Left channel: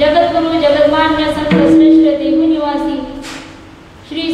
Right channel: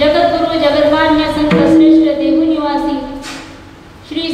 जगद्गुरु जगन्मान्य संत श्रेष्ठ देहू निवासी श्री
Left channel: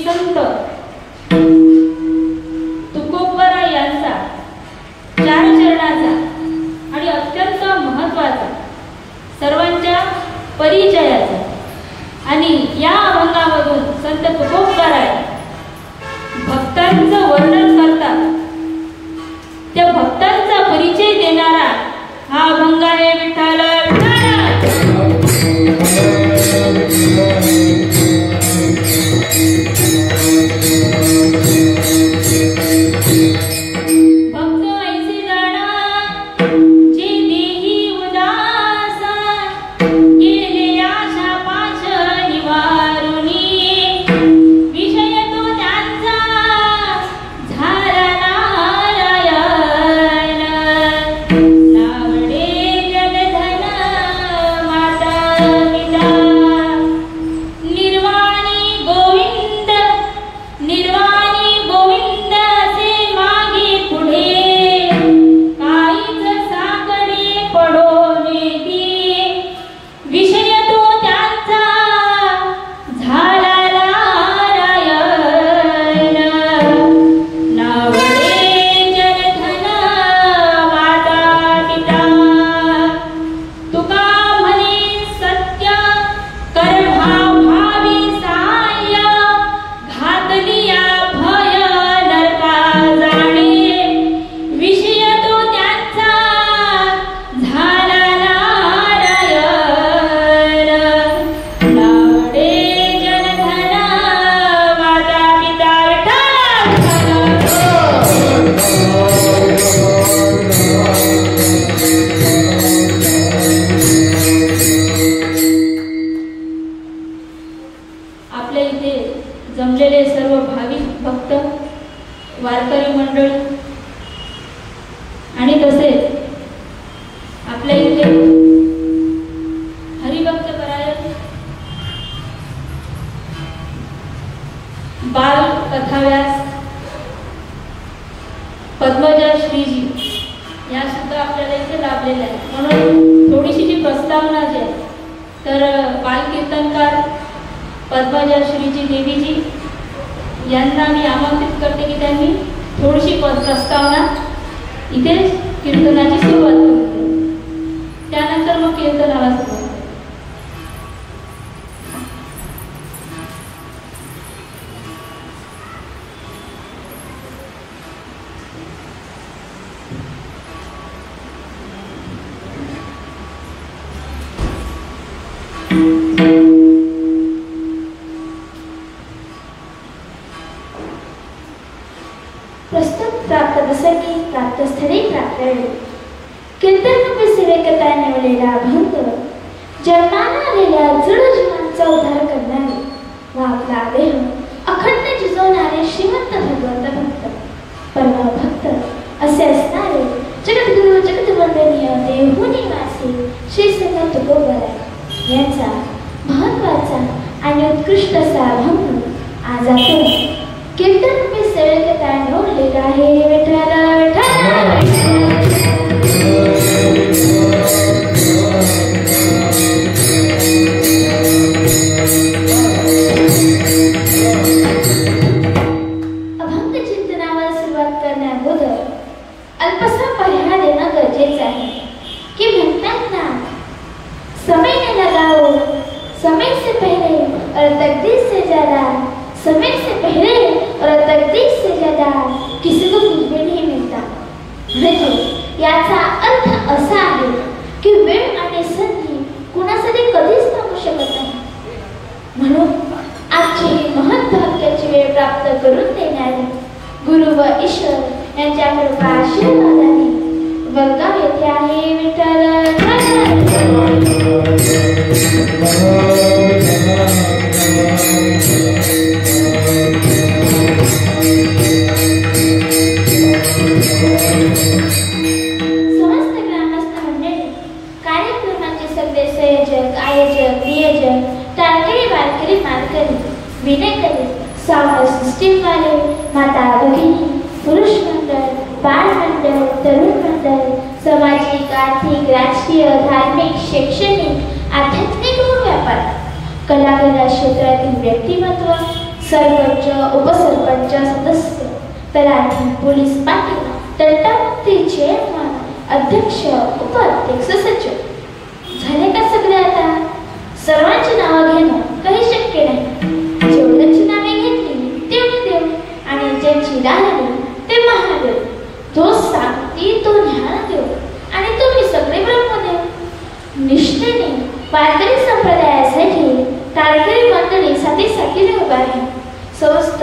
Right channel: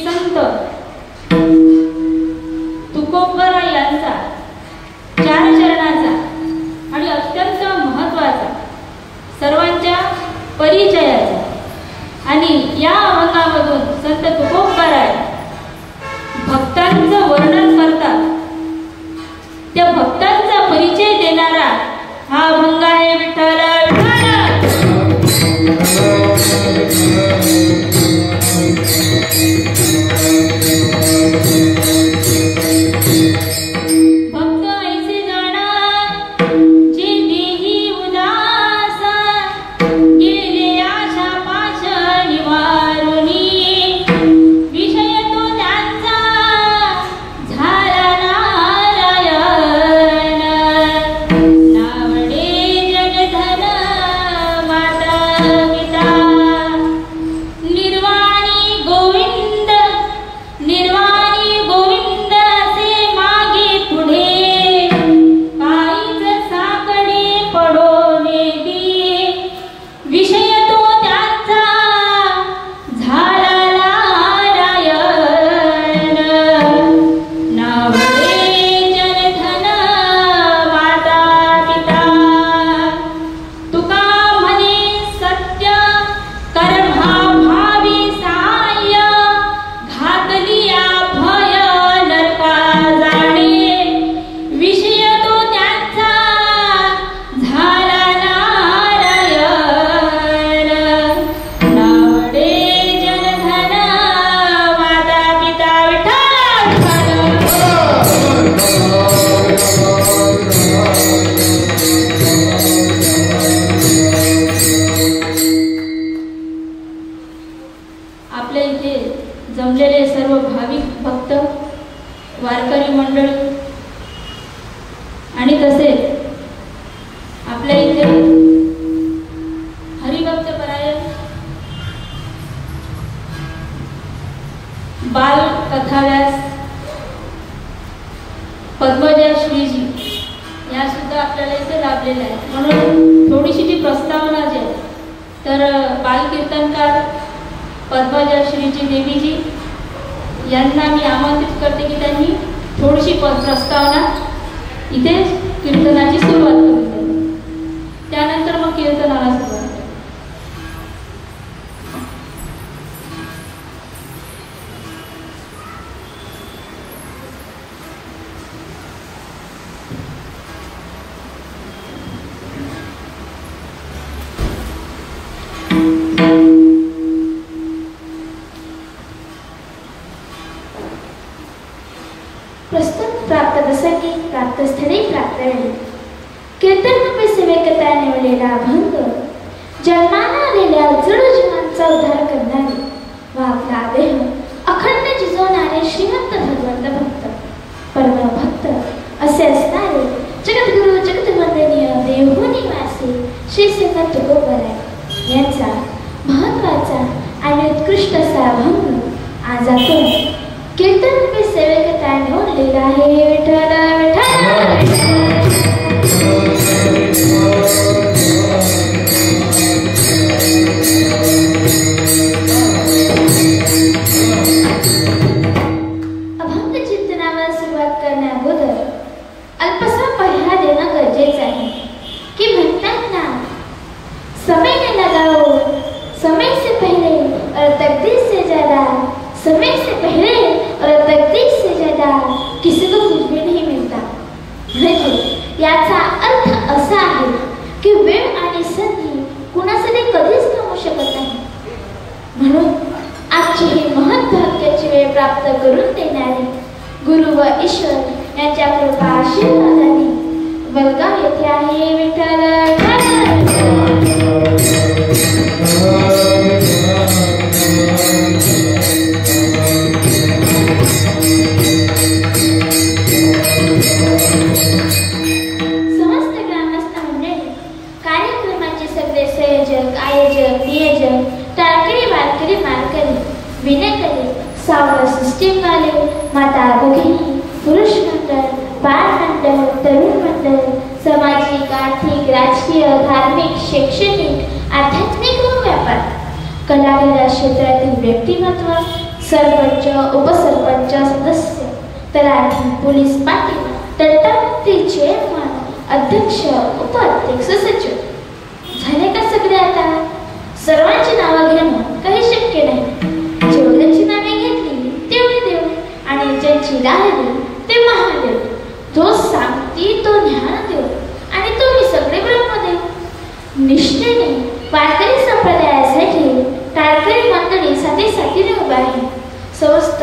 आपल्या इथे जमलेले सर्व भाविक भक्त, वारकरी मंडळी आणि तसेच आपल्या इथे हरिभक्त परायण बाल कथाव्यास पद्मजा श्रीजी या सुद्धा आपल्याला इथे लाभलेल्या आहेत. म्हणून थोडीशी जी प्रस्तावना जी आहे तर बालकीर्तनकार पद्मजा श्रीजी देवीजी यांना मी आमंत्रित करते की त्यांनी थोडीशी प्रस्तावना इथे कीर्तनाची सुरुवात करून द्यावी. त्यानंतर मग कीर्तनाला सुरुवात. प्रस्तुत प्राप्त दसकी प्राप्त स्थळी प्राप्त वेळी कीर्तन रूपी सेवेकता निवडलेला अभंग जन्माला आलेल्या जड जीवांचा उद्धार करणारे व आपला देह अखंड जिजवणारे श्रीमंत भगवंत भक्त परम भक्त असे असणारे जगद्गुरु जगद्वंदनीय देवभू निवासी श्री संत तुकोबराय यांचा महत्वाचा आणि उत्कृष्ट असा अभंग आज आपण कीर्तन रूपी सेवेकता निवडलेला आहे. विठ्ठल विठ्ठल अभंग चिंतनावर सुरुवात करण्याअगोदर अल्पसा पर्याय देणं गरजेचं आहे की म्हणतात ना, समय ने लगाओ समय से पहले और तकदीर से ज्यादा, समय से पहले और तकदीर से ज्यादा किसी को कुछ भी नहीं मिलता. म्हणजे याचा अर्थ असा आहे की वेळ आणि संधी कुणासाठी कधीच थांबू शकत नाही. म्हणून आजची ही महत्भाग्याची वेळ प्राप्त करून देणारे गुरु व ईश्वर यांच्या कृपा आशीर्वादाने वडगाव येथे आहे. विठ्ठल समस्त ग्रामस्थ मंडळी, कार्यक्रमाचे सगळे संयोजक, आयोजक, नियोजक, टाळकरी वारकरी मारकरी, विनेकरी, सावध सिस्टीम वाले, माता भगिनी, पुरुष मंडळ, बाळ मंडळ, तरुण मंडळ, सामाजिक, आर्थिक, राजकीय, धार्मिक, शैक्षणिक, आध्यात्मिक व व्यापार, कलाक्रीडा क्षेत्रातील व्यक्तिमत्व, सरपंच, उपसरपंच, सदस्य, तलाठी, पोलीस पाटील, तंटामुक्ती चेअरमन, अध्यक्ष, उपाध्यक्ष, सचिव झाले का सगळे? आता सर्वांची नावं घेणं काही शक्य नाही. जेवढ्यांची नावे घेतली तेवढे देव आणि ज्यांची राहिली ते महादेव. तो सांगती तो ज्ञानदेव आणि तुम्ही सगळे ब्रह्मदेव. निष्ठेने वारकरी संप्रदायासाठी टाळकरी मंडळी साथीने उभा आहे. समस्त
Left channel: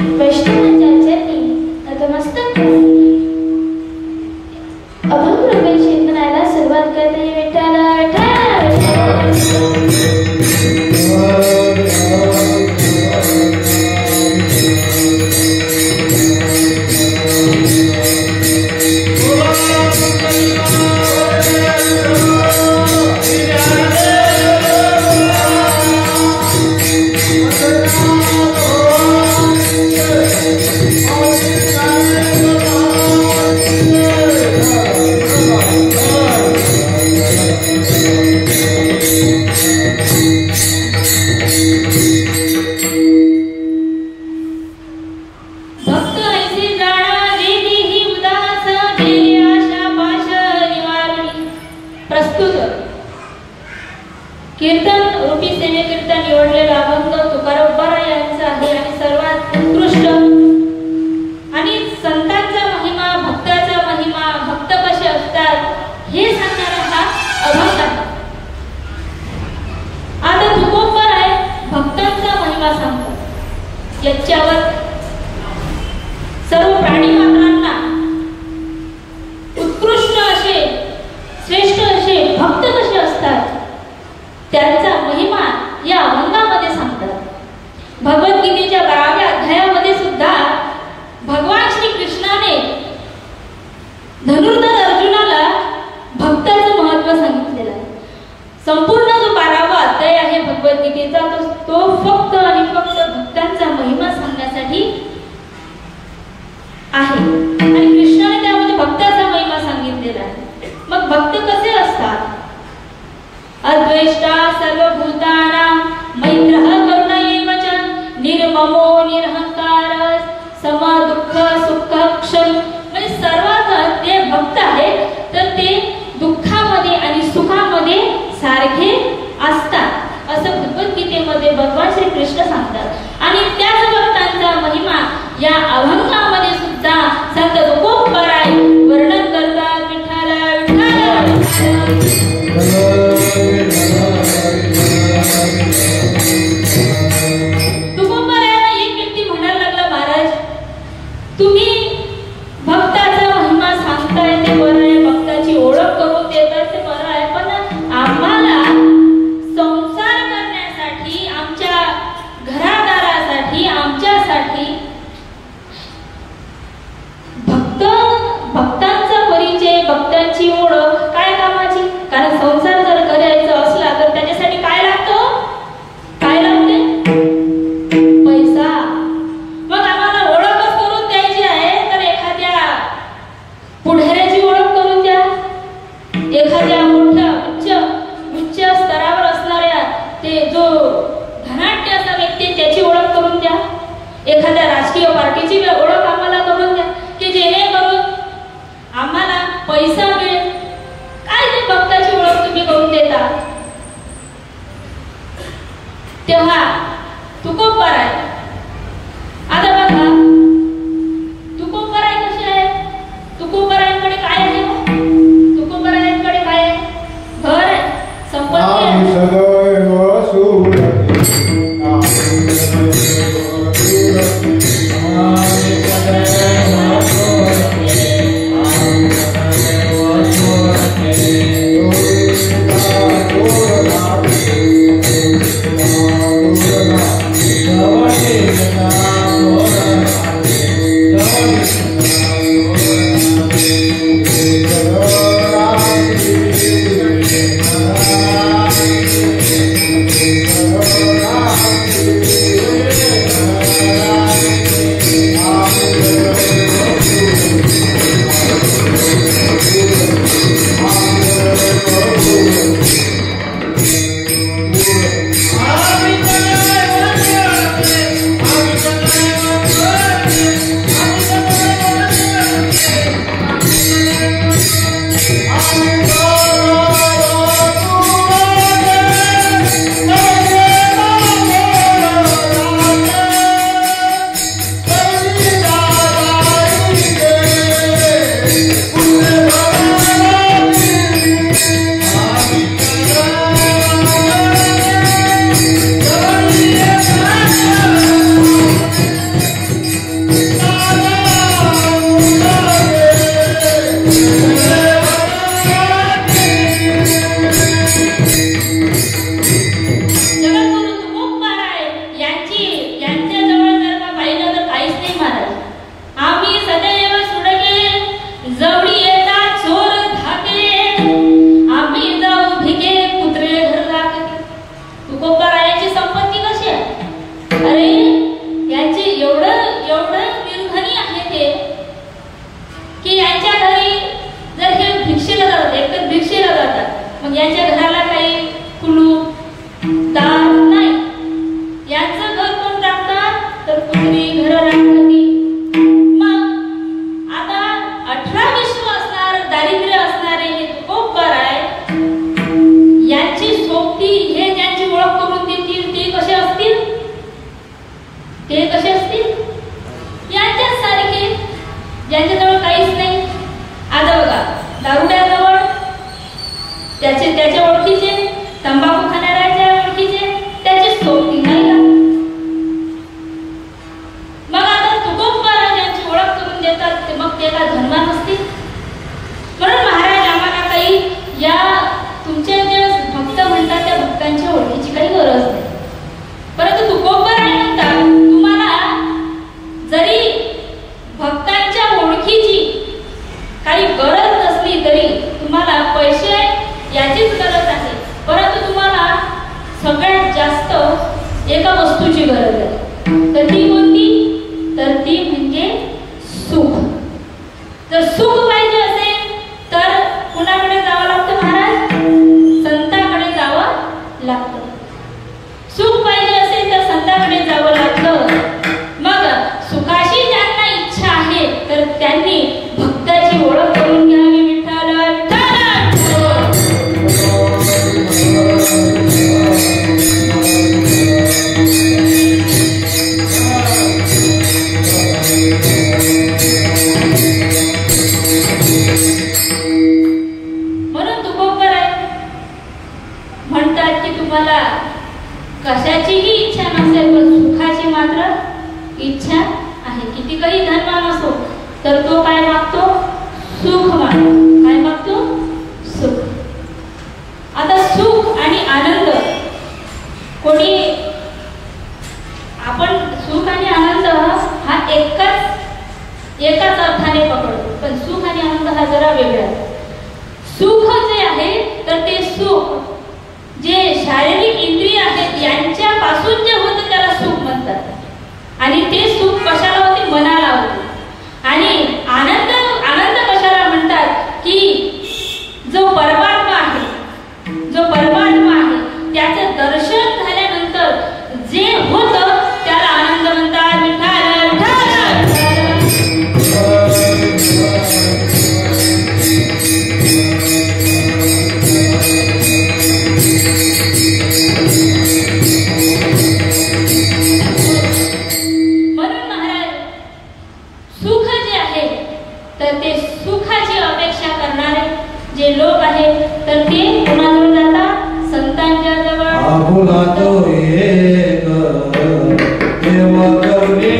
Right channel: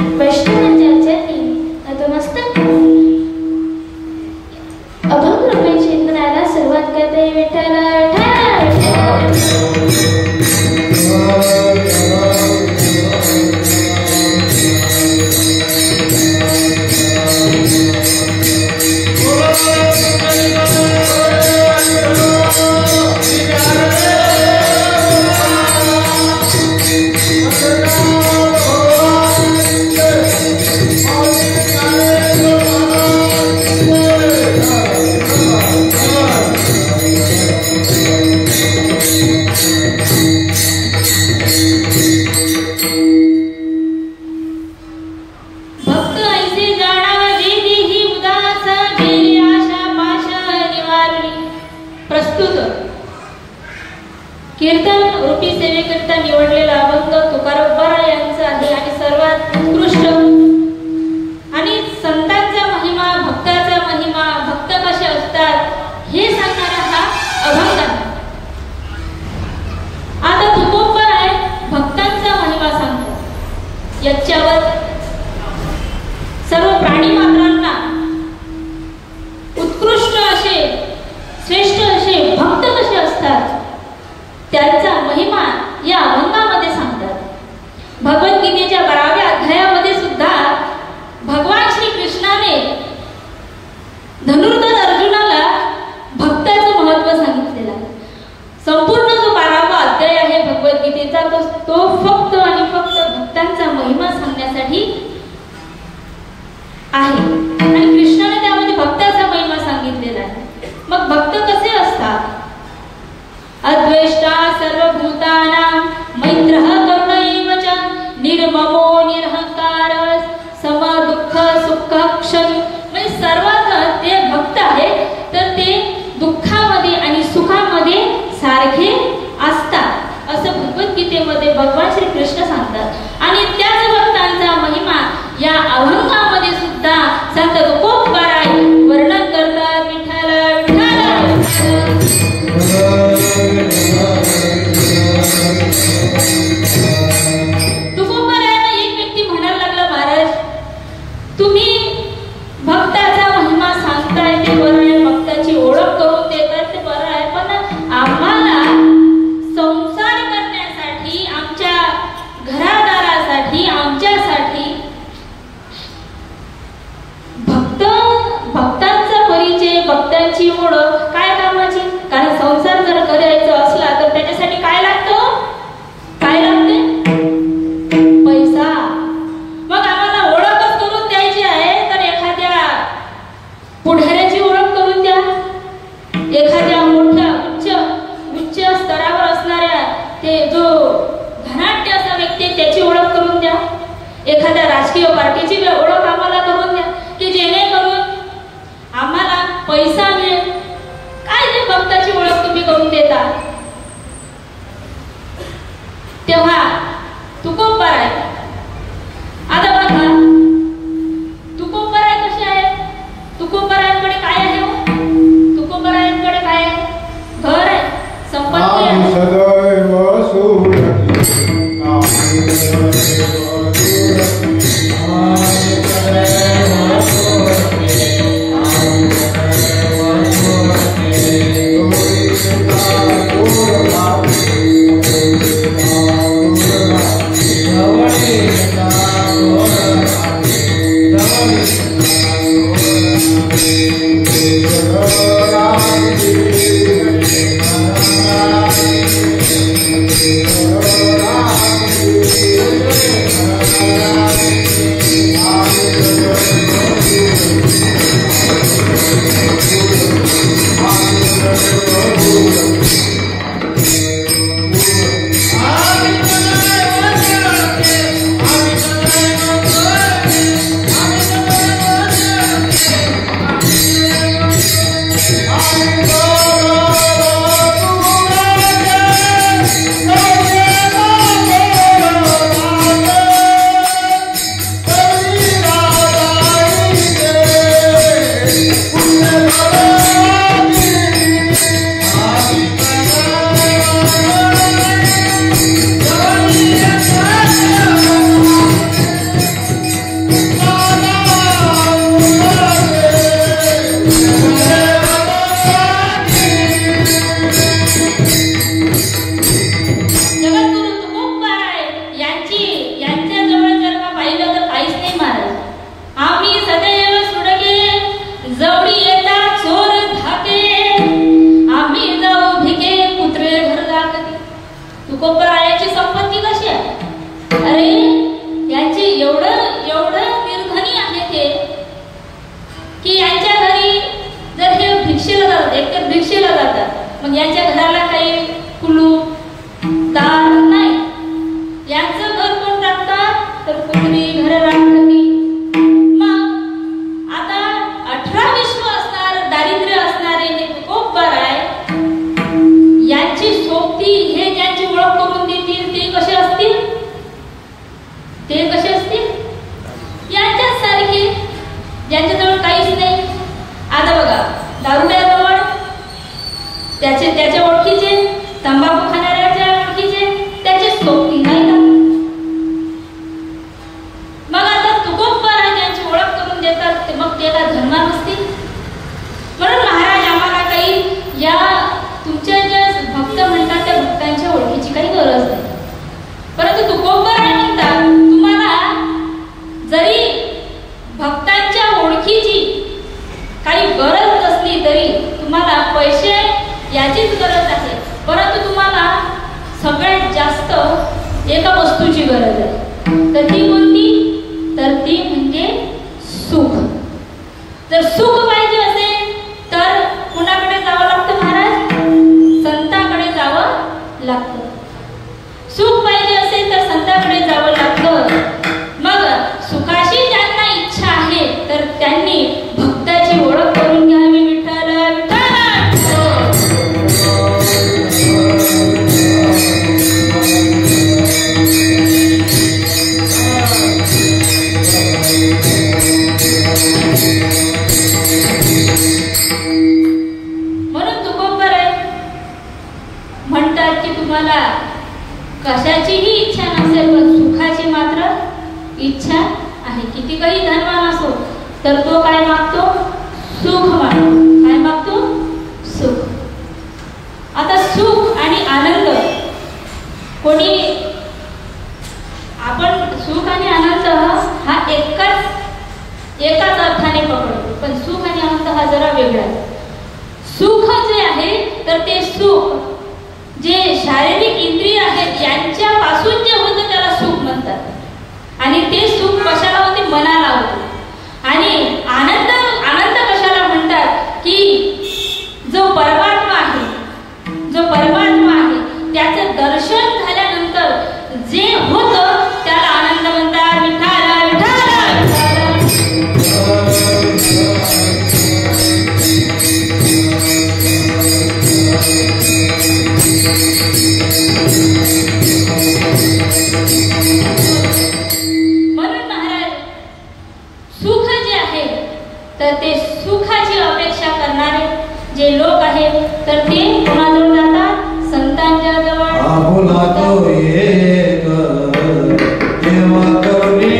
वैष्णवांच्या चरणी नतमस्तक अभंग रूपे चिंतनाला सुरुवात करते. विठ्ठल कीर्तन रूपी सेवेकरिता निवडलेला अभंग तुकाराम पराय यांचा आहे आणि सर्वात उत्कृष्ट आणि संतांचा महिमा, भक्ताचा महिमा, भक्त कसे असतात हे सांगणारा हा अभंग आहे. आता तुकोब पराय भक्तांचा महिमा सांगतात. याच्यावर सर्व प्राणी मात्रांना उत्कृष्ट असे, श्रेष्ठ असे भक्त कसे असतात त्यांचा महिमा या अभंगामध्ये सांगतात. भगवद्गीतेच्या 12व्या अध्यायामध्ये सुद्धा भगवान श्री कृष्णाने धनुर्धर अर्जुनाला भक्ताचं महत्व सांगितलेलं आहे. संपूर्ण जो 12वा अध्याय आहे भगवद्गीतेचा तो फक्त आणि फक्त भक्तांचा महिमा सांगण्यासाठी आहे. आणि कृष्णाने त्यामध्ये भक्ताचा महिमा सांगितलेला आहे. मग भक्त कसे असतात? अद्वेष्टा सर्वभूतानां मैत्रः करुण एव च निर्ममो निरहंकार समदुःख सुखक्षमी. म्हणजे सर्वात ते भक्त आहेत तर ते दुःखामध्ये आणि सुखामध्ये सारखे असतात असं भगवद्गीतेमध्ये भगवान श्री कृष्ण सांगतात. आणि त्याच भक्तांचा महिमा या अभंगामध्ये सुद्धा संत तुकोबाराय वर्णन करतात. विठ्ठल तुकोबारायांना एक व्यक्ती म्हणायला लागला, महाराज तुम्ही भक्ताचा महिमा सांगताय ते बरं आहे, भक्ताची ओळख करून देताय ते बरं आहे, पण आम्हाला संसार करण्यासाठी आमच्या घरादारासाठी आमच्यासाठी भक्तांचा परिचय भक्तांची ओळख काय कामाची? कारण संसार जर करायचा असला तर त्याच्यासाठी काय लागतं? काय लागते? पैसा. मग आम्हाला ओळखच करून द्यायची आहे तर एखाद्या पुढाऱ्याची ओळख करून द्या, एखाद्या मोठ्या उच्च स्तरावर असणाऱ्या ते जो धनाढ्य असा व्यक्ती त्याची ओळख करून द्या, एखाद्या राजकीय पार्टीची ओळख आम्हाला करून द्या की जेणेकरून आम्हाला पैसा मिळेल. काय ते भक्ताची ओळख तुम्ही करून देता? तेव्हा तुकोबाराय आता बघा तुकोबाराय कसे आहे? तुकोबारायांकडे काय आहे? तुकोबारायांकडे काय आहे? घर आहे, संपत्ती आहे. मग यांच्या घराला काही कुलूप दार नाही. यांचं घर कोण राखतात तर कुत्री घर राखती. मग आता 18 विश्व असणार दारिद्र्य असणारे हे तुकोबाराय यांची सोबती हे ज्यांची ओळख करून देतील ते कसे असतील? ते कसे असतील? यांच्याच सारखे ज्यांच्याजवळ काहीच नाही. आता बघा दारुड्याजवळ त्याच्या ओळखीचे, तंबाखू खाणाऱ्याच्या ओळखीचे त्याचे सोबती नाही का? मग आता तुकोबाराय ज्यांची ओळख करून देतात ते मग त्याला धर्मा नसतील. म्हणून महाराज आम्हाला काही या तुमच्या ज्या भक्त म्हणतात त्या भक्तांच्या ओळखीची काही गरज नाही. परंतु तुकोबाराय म्हणतात इच्छा आहे. किती काही धनवान असो तर तो काय मागतो? सुख मागतो. काय मागतो? सुख. आता सुख आणि आनंद कोणी आपण सुख आणि आनंद हा एकाच अर्थाने पकडतो, पण सुख आणि आनंद हा जरा वेगळा आहे. सुख जे आहे तर ते सुख जे शारीरिक इंद्रिय आहेत यांच्यापासून जे होतं त्याला सुख म्हणतात. आणि ते सुख कशाला होते? मनाला होते. आणि आनंद कशाला म्हणतात? की जो परमात्मा आहे त्याचं दर्शन झाल्यानंतर जे होतं त्याला आनंद म्हणतात. विठ्ठल विठ्ठल म्हणून महाराज सुख जे आहे तर ते सुखाची अपेक्षा करणारे जे लोक आहेत तर ते कोणाजवळ जातात? संतांच्या जवळ. आपुला तो एक देवा करुणी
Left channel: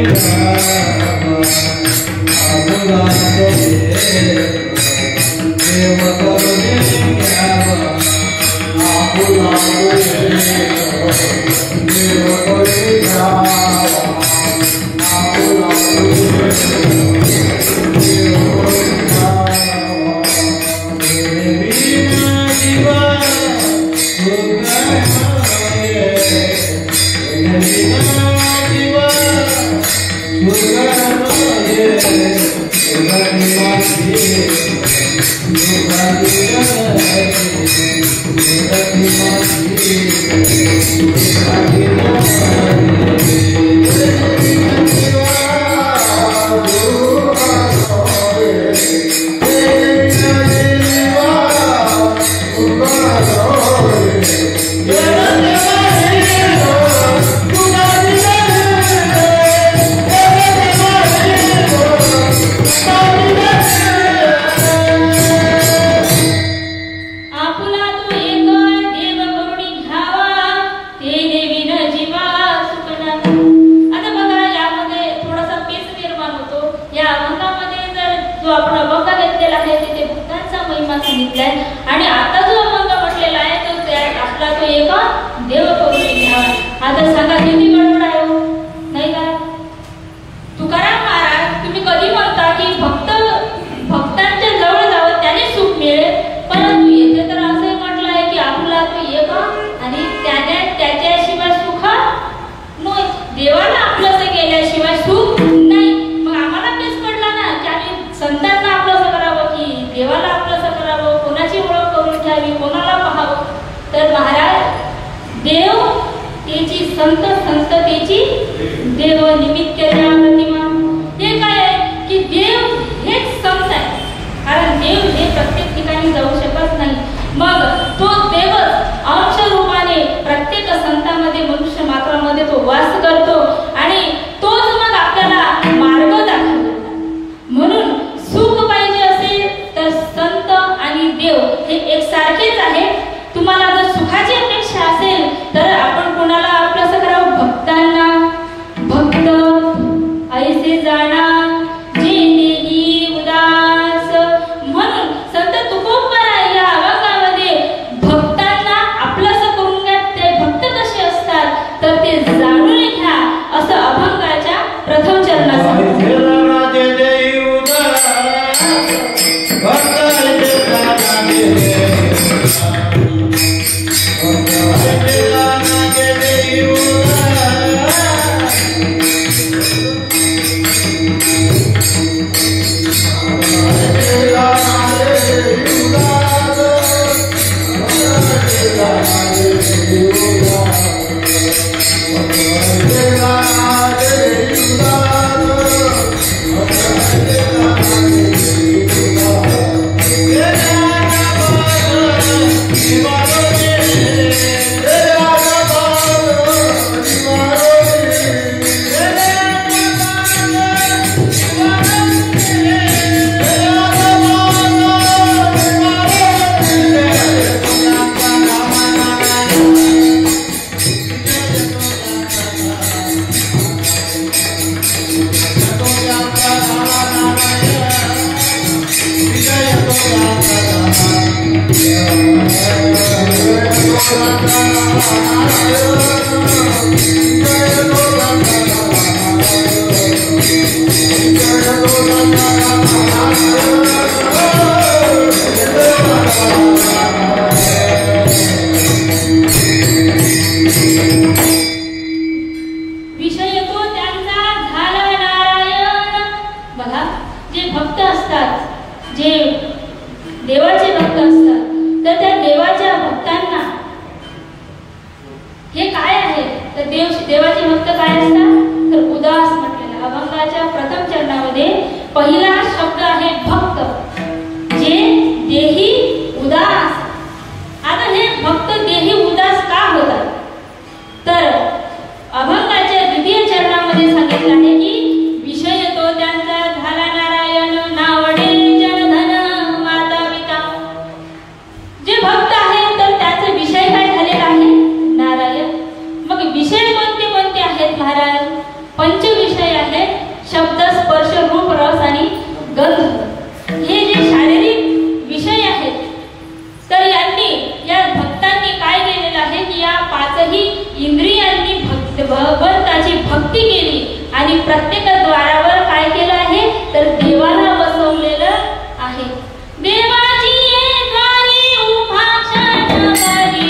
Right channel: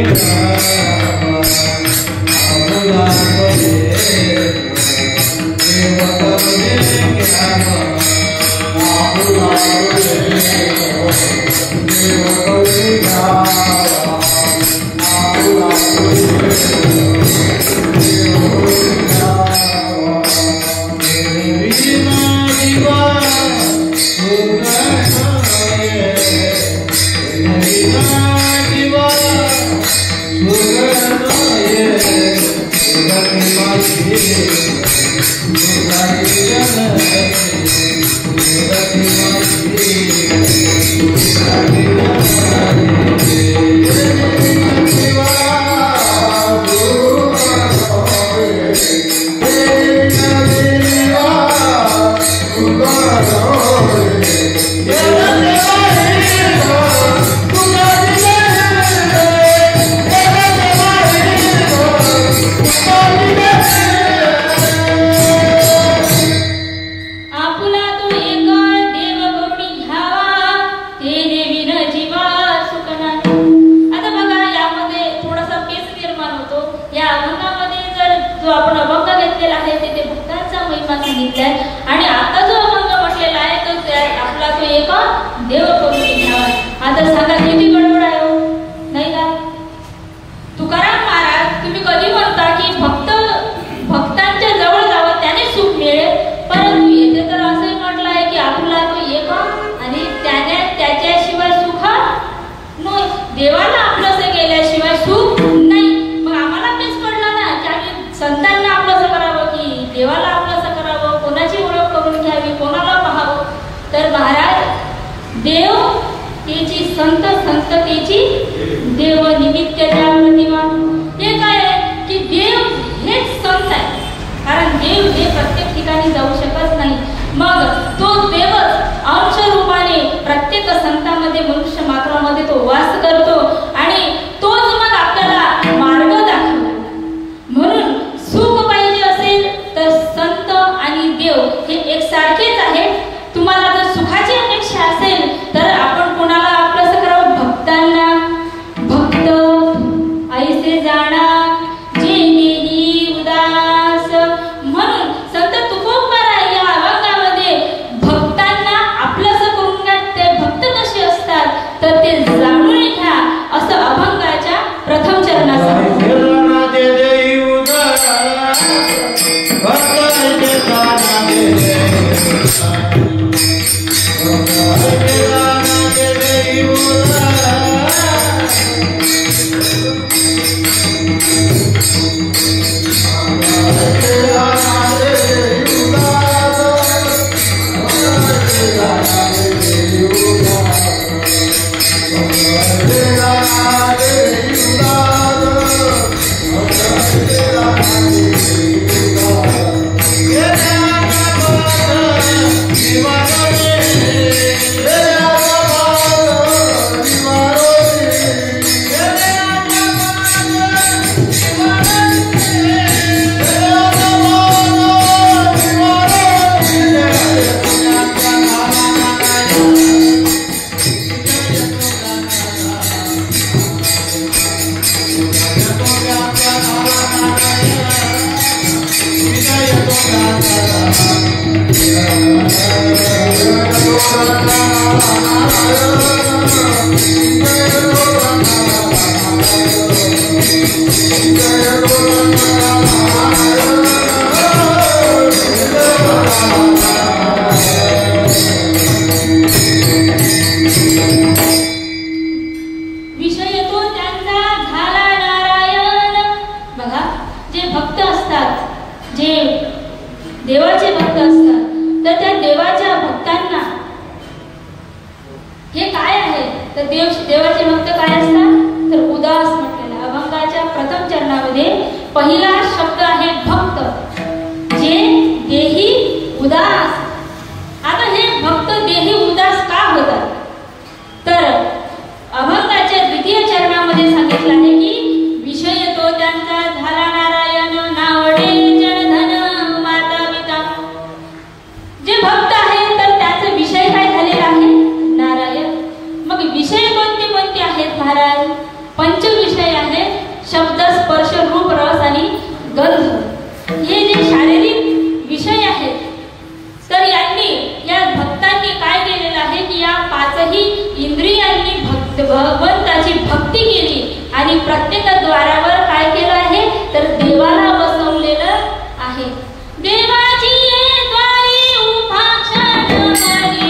आपुला तो एक देवा करुणी आपुला तो एक देवा करुणी आपुला आणि आता जो अभंग म्हटलेला आहे तो आपला तो एक देव करून घ्यावा. आता सांगा किती गडबड आहे हो, नाही का? तुकाराम महाराज तुम्ही कधी म्हणता की भक्तांच्या जवळ जावं त्याने सुख मिळेल, परंतु येथे तर असं म्हटलं आहे की आपला तो एक आणि त्याच्याशिवाय सुख नाही. देवाला आपलंसं केल्याशिवाय सुख नाही. मग आम्हाला पेच पडला ना की आम्ही संतांना आपलंसं करावं की देवाला आपलंसं करावं, कोणाची ओळख करून घ्यावी, कोणाला पाहावं. तर महाराज देव त्याची संत त्याची देव निमित्त त्या प्रतिमा. हे काय आहे की देव हेच संत आहे, कारण देव हे प्रत्येक ठिकाणी जाऊ शकत नाही. मग तो देवच अंश रूपाने प्रत्येक संतांमध्ये मनुष्य मात्रामध्ये तो वास करतो आणि तोच मग आपल्याला मार्ग दाखवतो. म्हणून सुख पाहिजे असेल तर संत आणि देव हे एकसारखेच आहे. तुम्हाला जर सुखाची अपेक्षा असेल तर आपण कोणाला आपलंसं करावं? भक्तांना. भक्त ऐसे जाणा जे देही उदास. म्हणून संत तुकोबराय या अभंगामध्ये भक्तांना आपलंसं करून घ्या. ते भक्त कसे असतात तर ते जाणून घ्या असं अभंगाच्या प्रथम चरणात देवाचे भक्त असतात, तर त्या देवाच्या भक्तांना हे काय आहे तर देवाचे भक्त काय असतात तर उदास म्हटलेला. अभंगाच्या प्रथम चरणामध्ये पहिला शब्द आहे भक्त, जे देही उदास. आता हे भक्त देही उदास का होतात तर अभंगाच्या द्वितीय चरणामध्ये सांगितलं आहे की विषय तो त्यांचा झाला नारायण नावडे जनधन माताविका. जे भक्त आहेत तर त्याचे विषय काय झालेला आहे नारायण. मग विषय कोणते कोणते आहेत महाराज. पंच विषय आहेत, शब्द स्पर्श रूप रस आणि गंध. हे जे शारीरिक विषय आहेत तर यांनी या भक्तांनी काय केलेलं आहे की या पाचही इंद्रियांनी भगवंताची भक्ती केली आणि प्रत्येक द्वारावर काय केलं आहे तर देवाला बसवलेलं आहे. देवाची ये द्वारी उभा क्षण करी,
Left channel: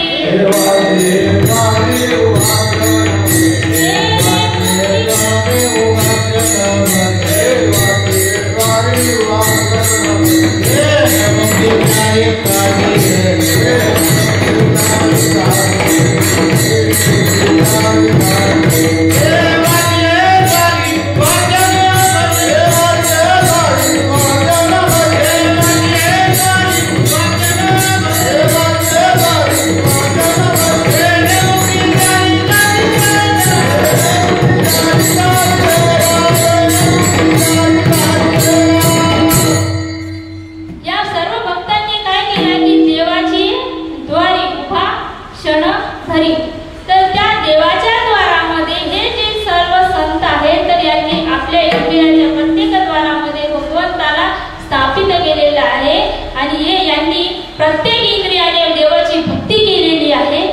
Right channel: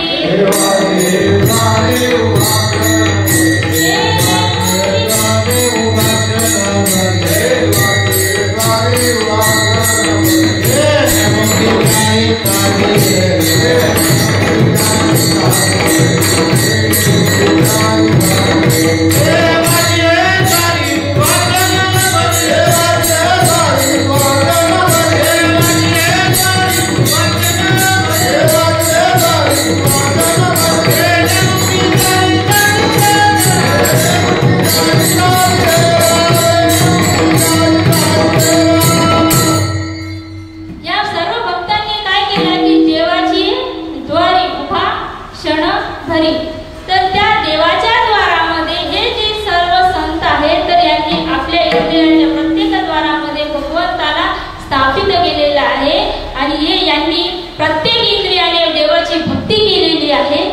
प्रत्येक इंद्रियाने देवाची भक्ती केलेली आहे.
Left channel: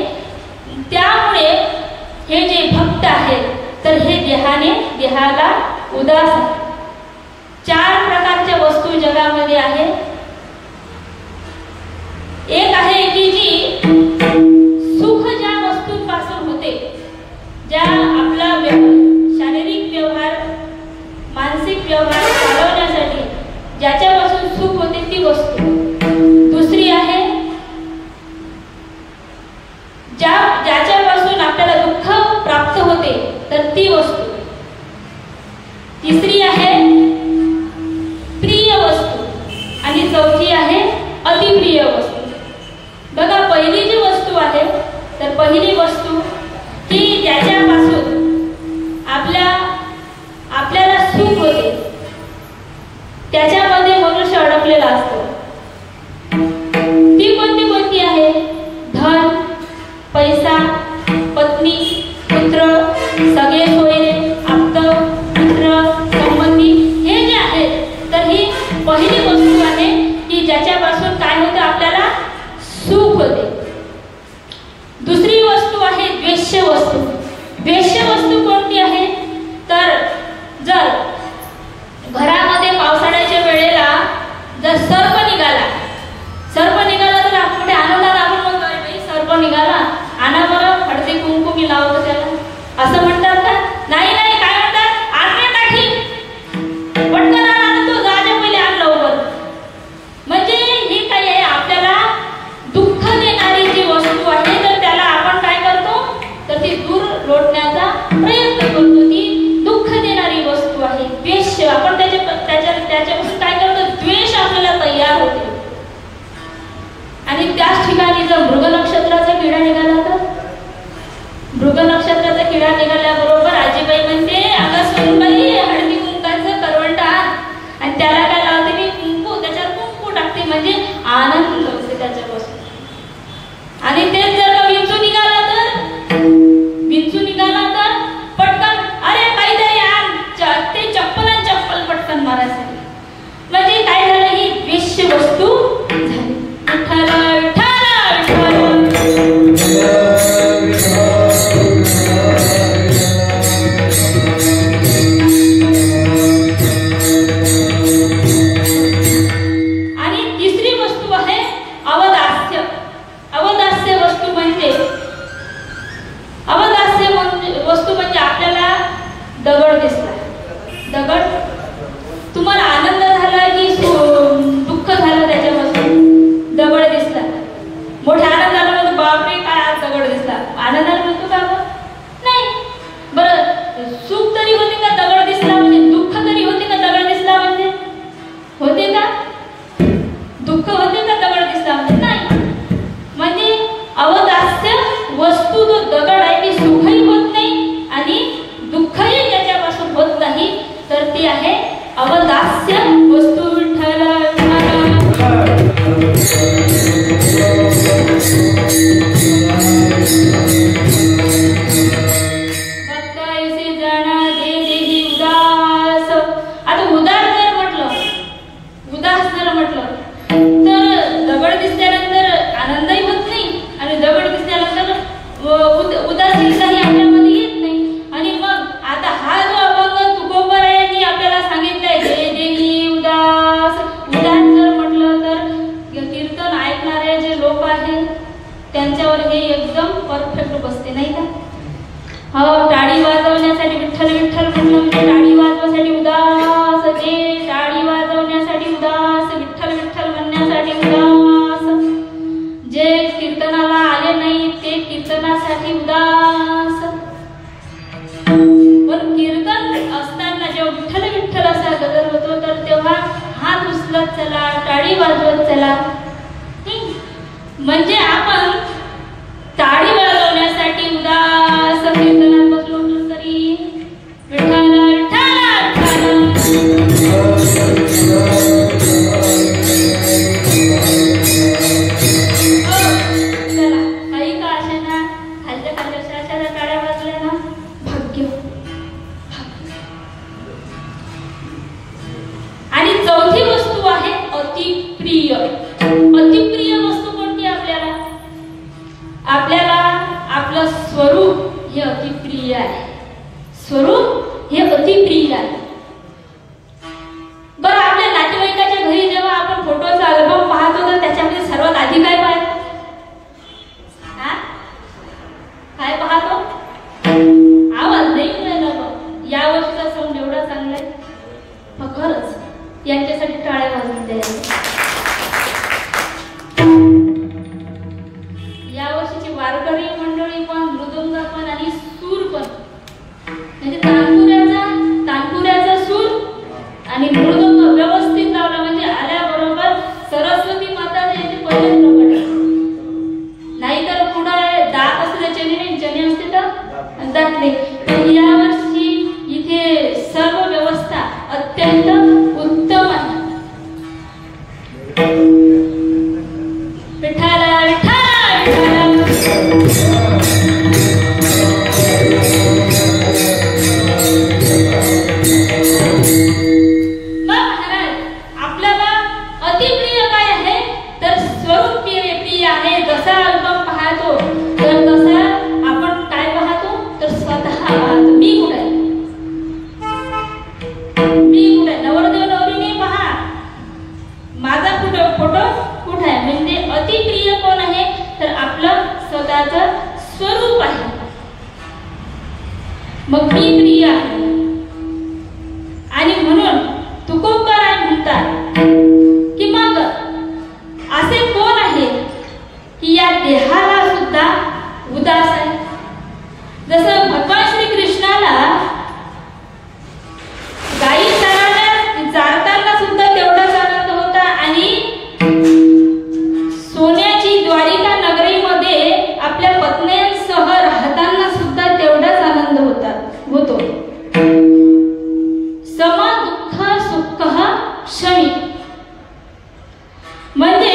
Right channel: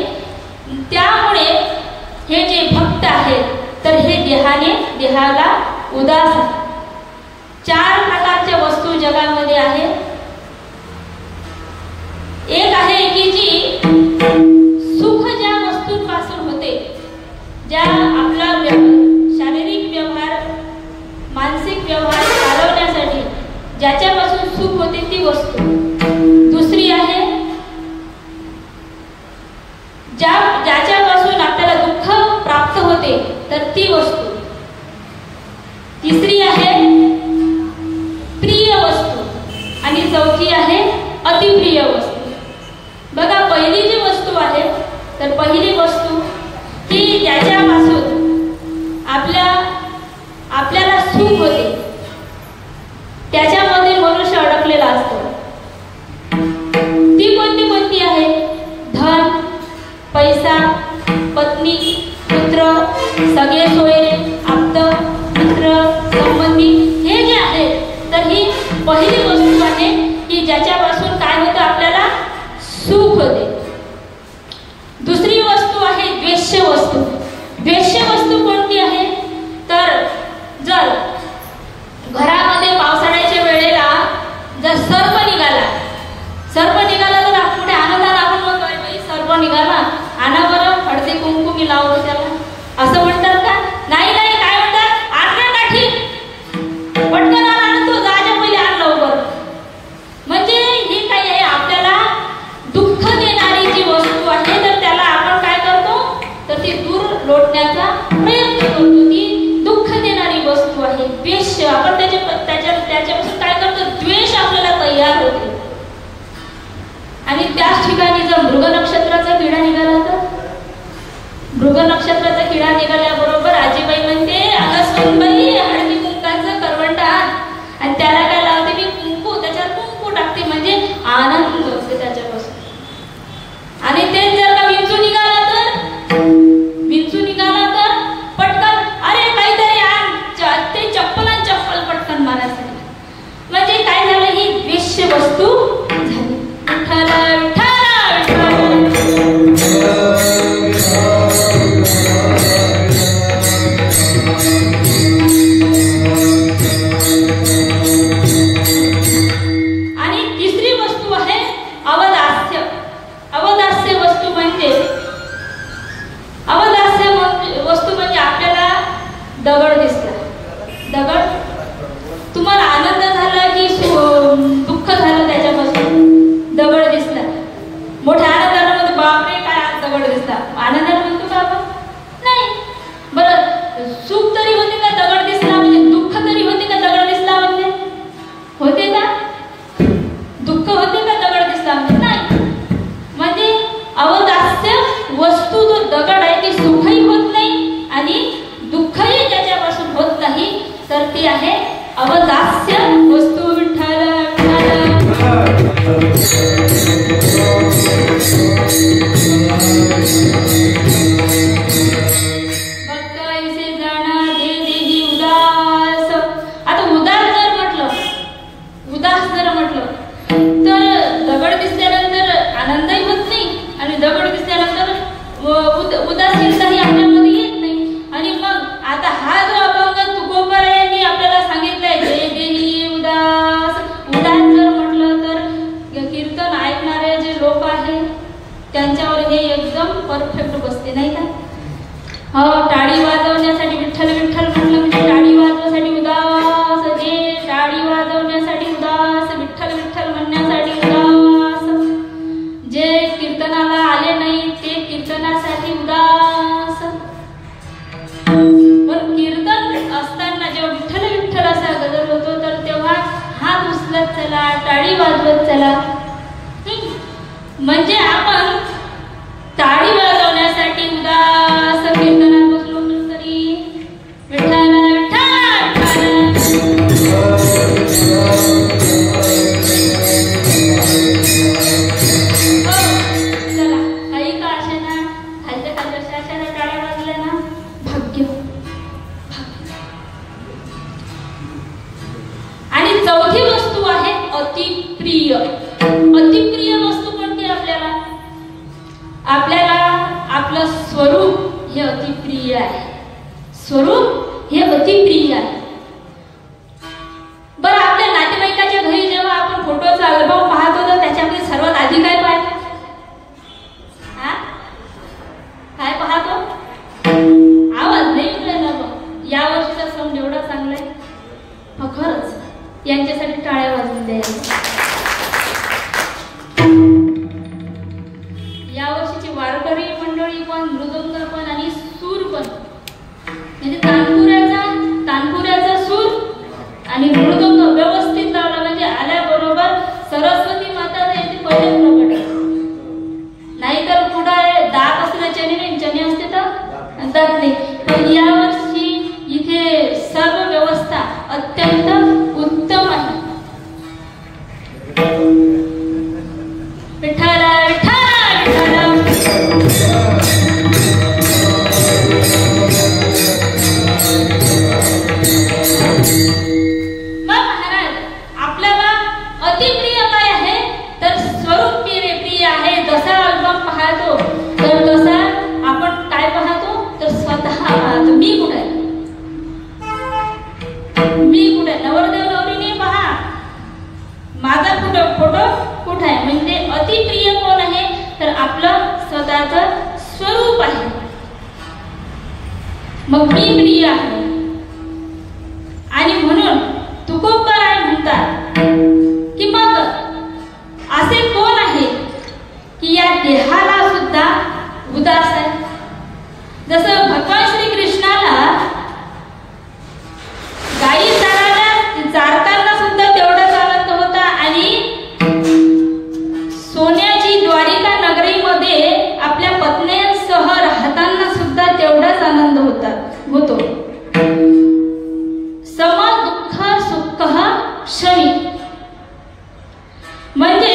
त्यामुळे हे जे भक्त आहेत तर हे देहाला उदास आहे. चार प्रकारच्या वस्तू जगामध्ये आहेत. एक आहे की जी सुख ज्या वस्तूंपासून होते, ज्या आपला शारीरिक व्यवहार मानसिक व्यवहार चालवण्यासाठी ज्याच्यापासून सुख होते ती वस्तू. दुसरी आहे ज्याच्यापासून आपल्याला दुःख प्राप्त होते तर ती वस्तू. तिसरी आहे प्रिय वस्तू आणि चौथी आहे अतिप्रिय वस्तू. बघा पहिली जी वस्तू आहे तर पहिली वस्तू की ज्याच्यापासून आपल्याला सुख होते त्याच्यामध्ये मनुष्य अडकलेला असतो. ती कोणती आहे. धन, पैसा, पत्नी, पुत्र, सगळे सोयरे, आप्त, मित्र, संबंधी हे जे आहेत तर ही पहिली वस्तू आहे की ज्याच्यापासून काय होतं आपल्याला सुख होते. दुसरी वस्तू आहे द्वेष्य वस्तू. द्वेष्य वस्तू कोणती आहे तर जर घरामध्ये पावसाळ्याच्या वेळेला जर सर्प दगड दिसला. दगड तुम्हाला आनंद झाला की दुःख झालं त्याच्यापासून? दगड दिसला. मोठ्या आनंदाला म्हणतो बापरे काय दगड दिसला. आनंदाला म्हणतो का नाही. बरं सुख तरी होते का दगड दिसला म्हणजे? दुःख तरी होते का दगड दिसला म्हणजे? होते का? दुःख होते का दगड दिसला म्हणजे? नाही. म्हणजे अवदास्य वस्तू जो दगड आहे ती सुखही होत नाही आणि दुःखही त्याच्यापासून होत नाही. तर ती आहे अवदास्य वस्तू. विठ्ठल भक्ताविषयी जाणा दे देही उदास. आता उदास जर म्हटलं तर दगड दिसल्यानंतर आनंदही होत नाही आणि दगड दिसल्यानंतर उदासीनताही आपल्यामध्ये येत नाही. आणि मग आता हा जो अभंग तुकोबारायांनी आपल्याला सांगितलाय दे देही उदास. उदास जर म्हटलं तर कीर्तन ऐकणारे जे लोक आहेत त्यांच्यावर हे एकदम परफेक्ट बसते नाही का? हो, टाळी वाजवण्यासाठी विठ्ठल विठ्ठल म्हटलं म्हणजे टाळी वाजवण्यासाठी उदास. जे टाळी वाजवण्यासाठी उदास, विठ्ठल विठ्ठल म्हणण्यासाठी उदास. जे कीर्तनाला आले नाही ते कीर्तनासाठी उदास. पण कीर्तन असताना जेव्हा विठ्ठल विठ्ठल असा गजर होतो तर तेव्हा हात उचलत चला, टाळी वाजवत चला. म्हणजे आपण टाळी वाजवण्यासाठी उदास कीर्तनात बसलो तरी विठ्ठल चला काही का असे ना खालच्या खालच्या टाळ्या वाजल्या ना भाग्य. आणि चौथी वस्तू आहे अतिप्रिय. अतिप्रिय वस्तू कोणती? आपल्याला आपलं स्वरूप हे अतिप्रिय आहे. स्वरूप हे अतिप्रिय आहे. बरं आपल्या नातेवाईकाच्या घरी जेव्हा आपण फोटोचा अल्बम पाहतो तर त्याच्यामध्ये सर्वात आधी काय पाहतो? काय पाहतो? आवाज नाही ना बघ. या वर्षीचा सण एवढा चांगला आहे खरंच. यांच्यासाठी टाळ्या वाजवून द्यायला. या वर्षीची वारकरी मंडळी पण, मृदंग पण आणि सूर पण, म्हणजे तानपुऱ्याचा सूर आणि मृदंग व्यवस्थित लावला म्हणजे आल्याबरोबर सरस्वती माताच्या इथे पहिले प्रकट. नाहीतर पुढे दात असले चणे असते तर दात नाही. पण या वर्षी इथे सर्व व्यवस्था अत्यंत उत्तम आहे. आपल्याला अतिप्रिय काय आहे तर स्वरूप प्रिय आहे. जसा अल्बम पाहतो तर तसा आपण काय पाहतो तर स्वतः पाहतो. मी कुठे नवरदेव नवरीने पहा माझा फोटो कुठे आहे. म्हणजे अतिप्रिय कोण आहे तर आपलं स्वतःचं स्वरूप आहे. मग मी प्रिय आहे. आणि म्हणून तुकोबाराय म्हणतात की मग असे कोण आहे की या देहाला सुद्धा उदास आहे. जसं भगवान श्री कृष्णाला गायी चारताना सुद्धा तेवढाच आनंद होता आणि सोन्याची द्वारिका नगरीमध्ये आपल्या पत्न्यांसह राहताना सुद्धा तेवढाच आनंद होतो. सम दुःख सुख क्षणी. म्हणजे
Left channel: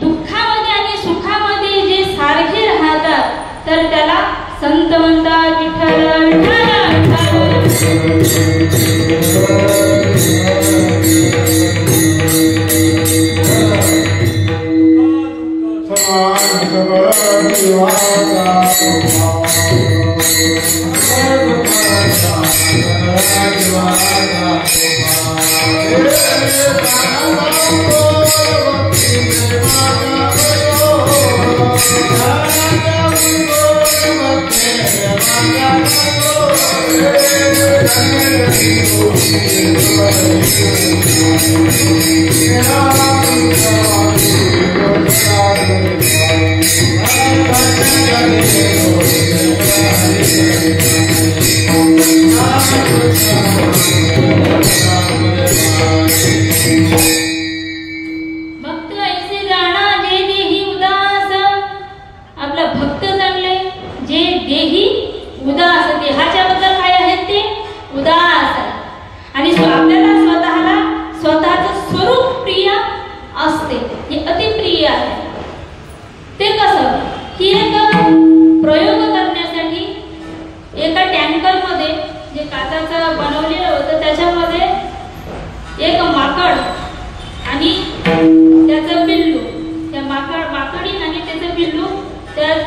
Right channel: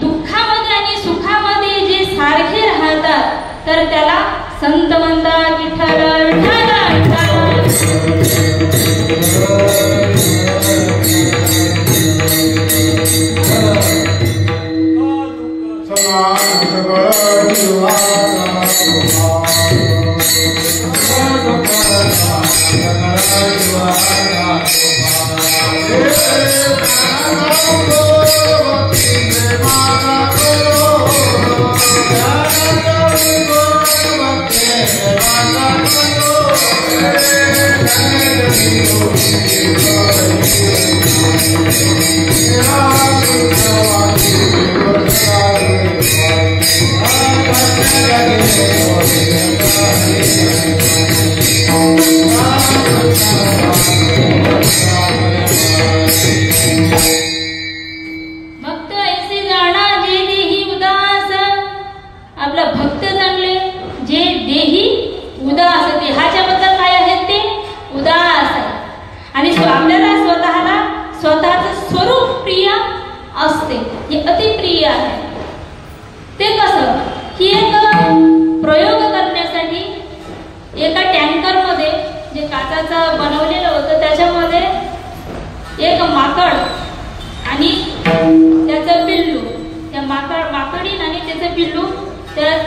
दुःखामध्ये आणि सुखामध्ये जे सारखे राहतात तर त्याला संत म्हणतात. Vitthal Thank you.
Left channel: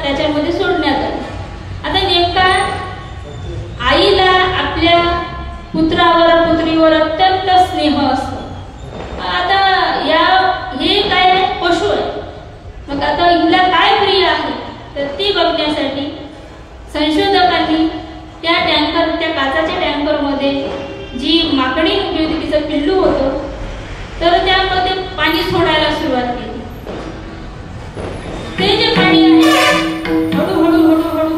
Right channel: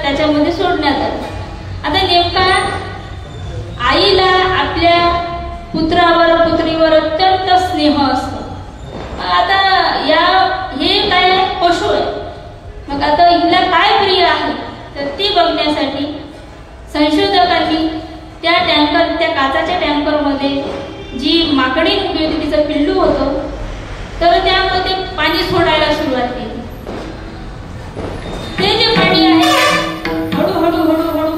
त्याच्यामध्ये सोडण्यात आलं. आता नेमका आईला आपल्या पुत्रावर पुत्रीवर अत्यंत स्नेह असतो. आता हे काय पशु आहे, मग आता हिला काय प्रिय आहे तर ती बघण्यासाठी संशोधकांनी त्या काचाच्या टँकरमध्ये जी माकडी उभी होती तिचं पिल्लू होतं, तर त्यामध्ये पाणी सोडायला सुरुवात केली. ते जे पाणी आहे हळूहळू हळूहळू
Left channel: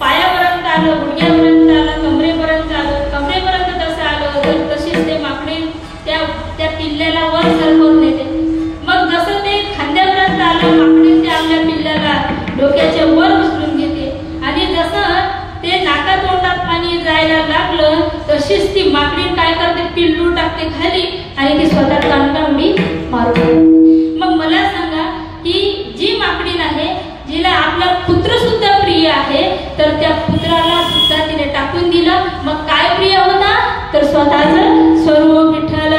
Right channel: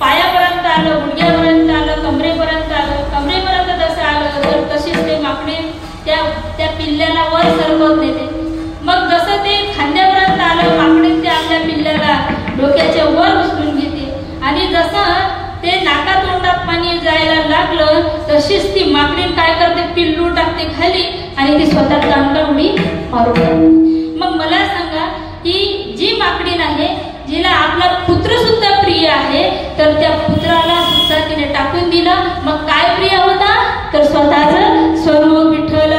पायापर्यंत आलं, गुडघ्यापर्यंत आलं, कमरेपर्यंत आलं. कमरेपर्यंत जसं आलं तर तशीच ते माकडी त्या पिल्ल्याला वर सरकवत नेते. मग जसं ते खांद्यापर्यंत आलं, माकडी त्या आपल्या पिल्ल्याला डोक्याच्या वर उचलून घेते आणि जसं ते नाकातोंडात पाणी जायला लागलं तशीच ती माकडी काय करते, पिल्लू टाकते खाली आणि ती स्वतः कानकांडी मारून. मग मला सांगा की जी माकडी आहे जिला आपला पुत्र सुद्धा प्रिय आहे, तर त्या पुत्राला सुद्धा तिने टाकून दिला. मग काय प्रिय होता तर स्वतःच स्वरूप विठ्ठल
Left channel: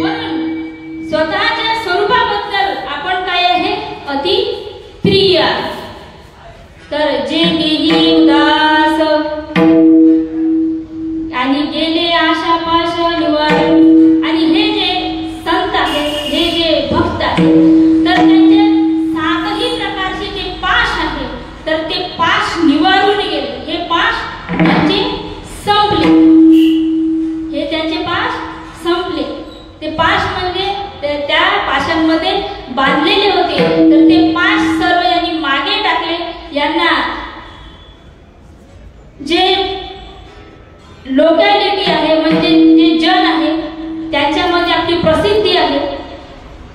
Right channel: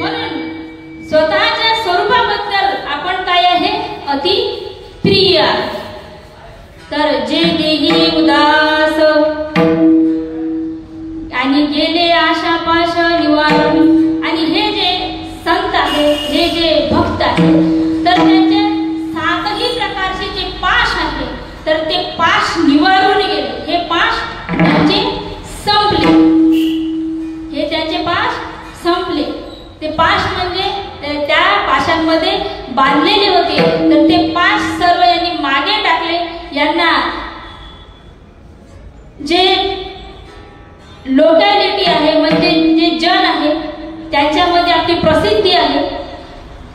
म्हणून स्वतःच्या स्वरूपाबद्दल आपण काय आहे अति प्रिय. तर जे देही उदास आणि गेले आशा पाश निवारण. आणि हे जे संत आहे, हे जे भक्त आहे, तर त्यांचे सातही प्रकारचे जे पाश आहे तर ते पाश निवारून गेले. हे पाश त्यांचे संपले, हे त्यांचे पाश संपले. ते पाश म्हणजे त्या पाशांमध्ये बांधलेले होते, तर ते पाश सर्व यांनी मागे टाकले. यांना जे लोकॅलिटी आहे म्हणजे जे जन आहे त्याच्यामध्ये आपली प्रसिद्धी आहे,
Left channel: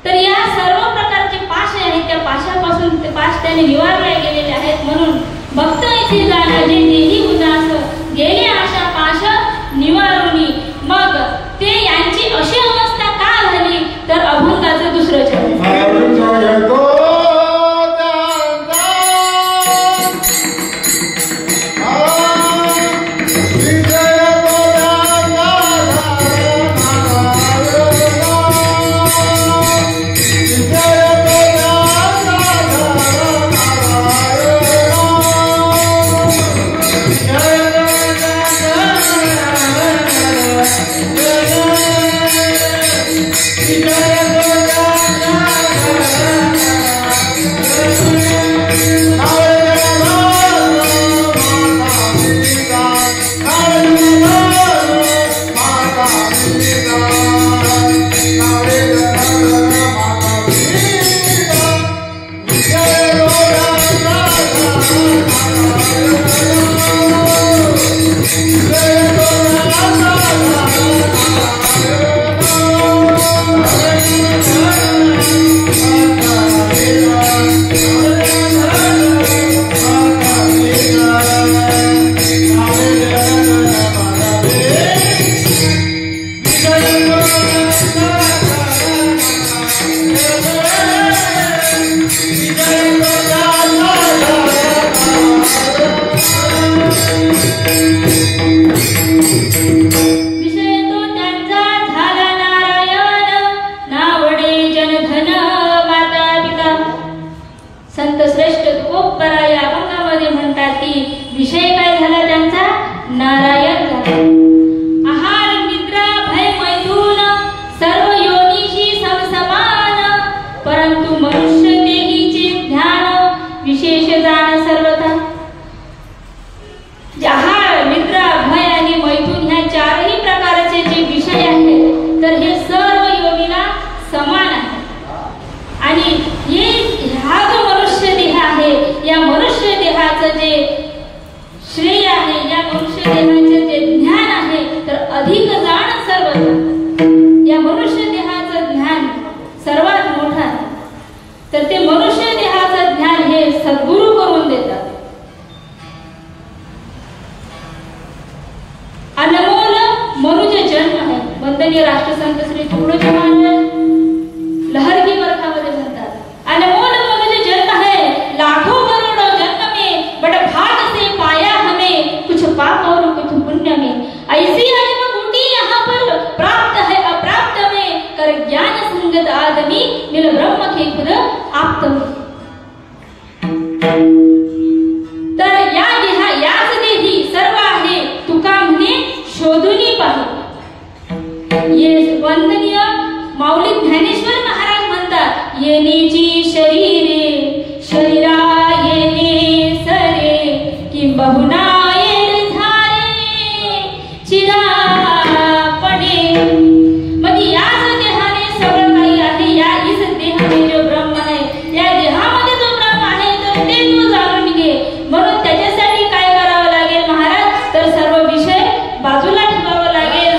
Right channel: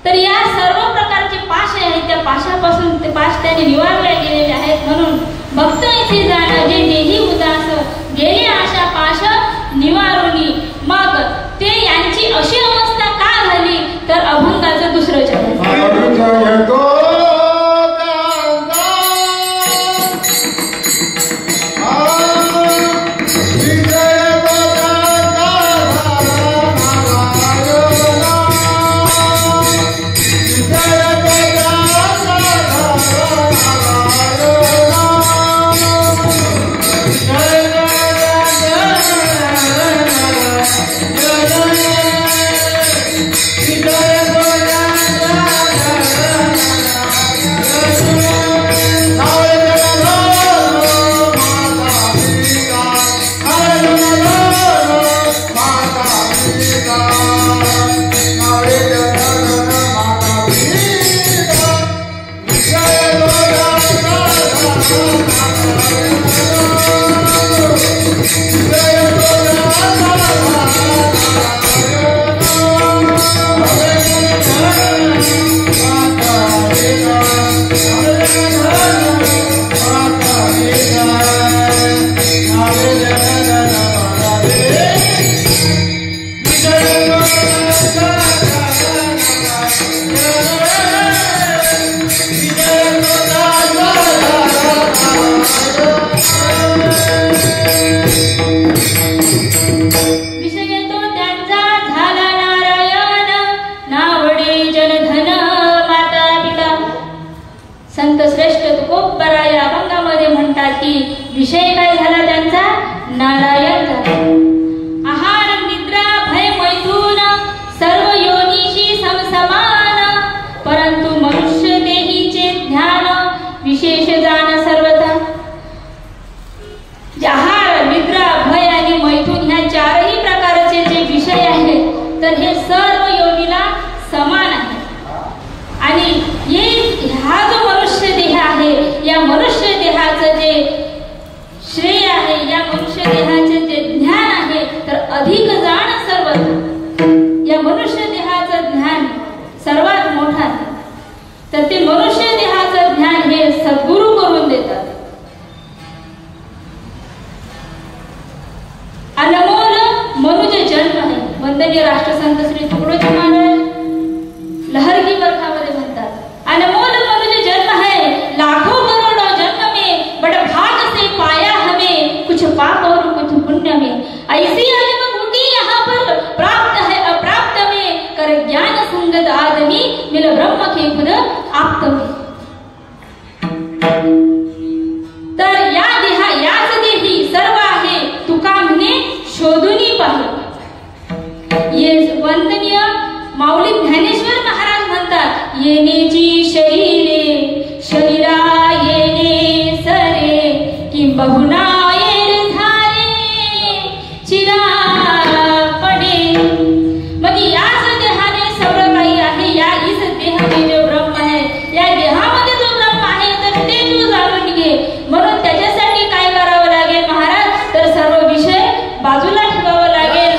तर या सर्व प्रकारचे पाश आहेत त्या पाशापासून ते पाश त्याने निवारले गेलेले आहेत. म्हणून भक्त येथे जाणं जे देही उदास गेले आशा पाश निवारुनी. मग ते यांची अशी अवस्था का झाली तर अभंगाचं दुसरं चरण. संत श्रेष्ठ तुकोबरा या अभंगामध्ये म्हणतात की विषय काय झाला त्यांचा नारायण झाला. आहार निद्रा भय मैथुन सर्व योनीशी समसमान ब्रह्म के खुद आप्त होय. तर या देहा याच देही सर्व आहे तुका म्हणे शोधुनी पाहे. ये वंदनीय माऊली ज्ञानेश्वर महाराज म्हणतात येनेची शरीरे शरीरा येणे सरे किंबहुना येणे झारे चिरा पडे. म्हणजे याच देहाने सगळं काही आहे. या इस देहाने जो ब्रह्म आहे या देहामध्ये जो ब्रह्म आहे तर ते तू जाणून घे. म्हणून त्याच्यासाठी काय करावं लागेल महाराज तर सर्व विषय बाजूला ठेवावं लागेल.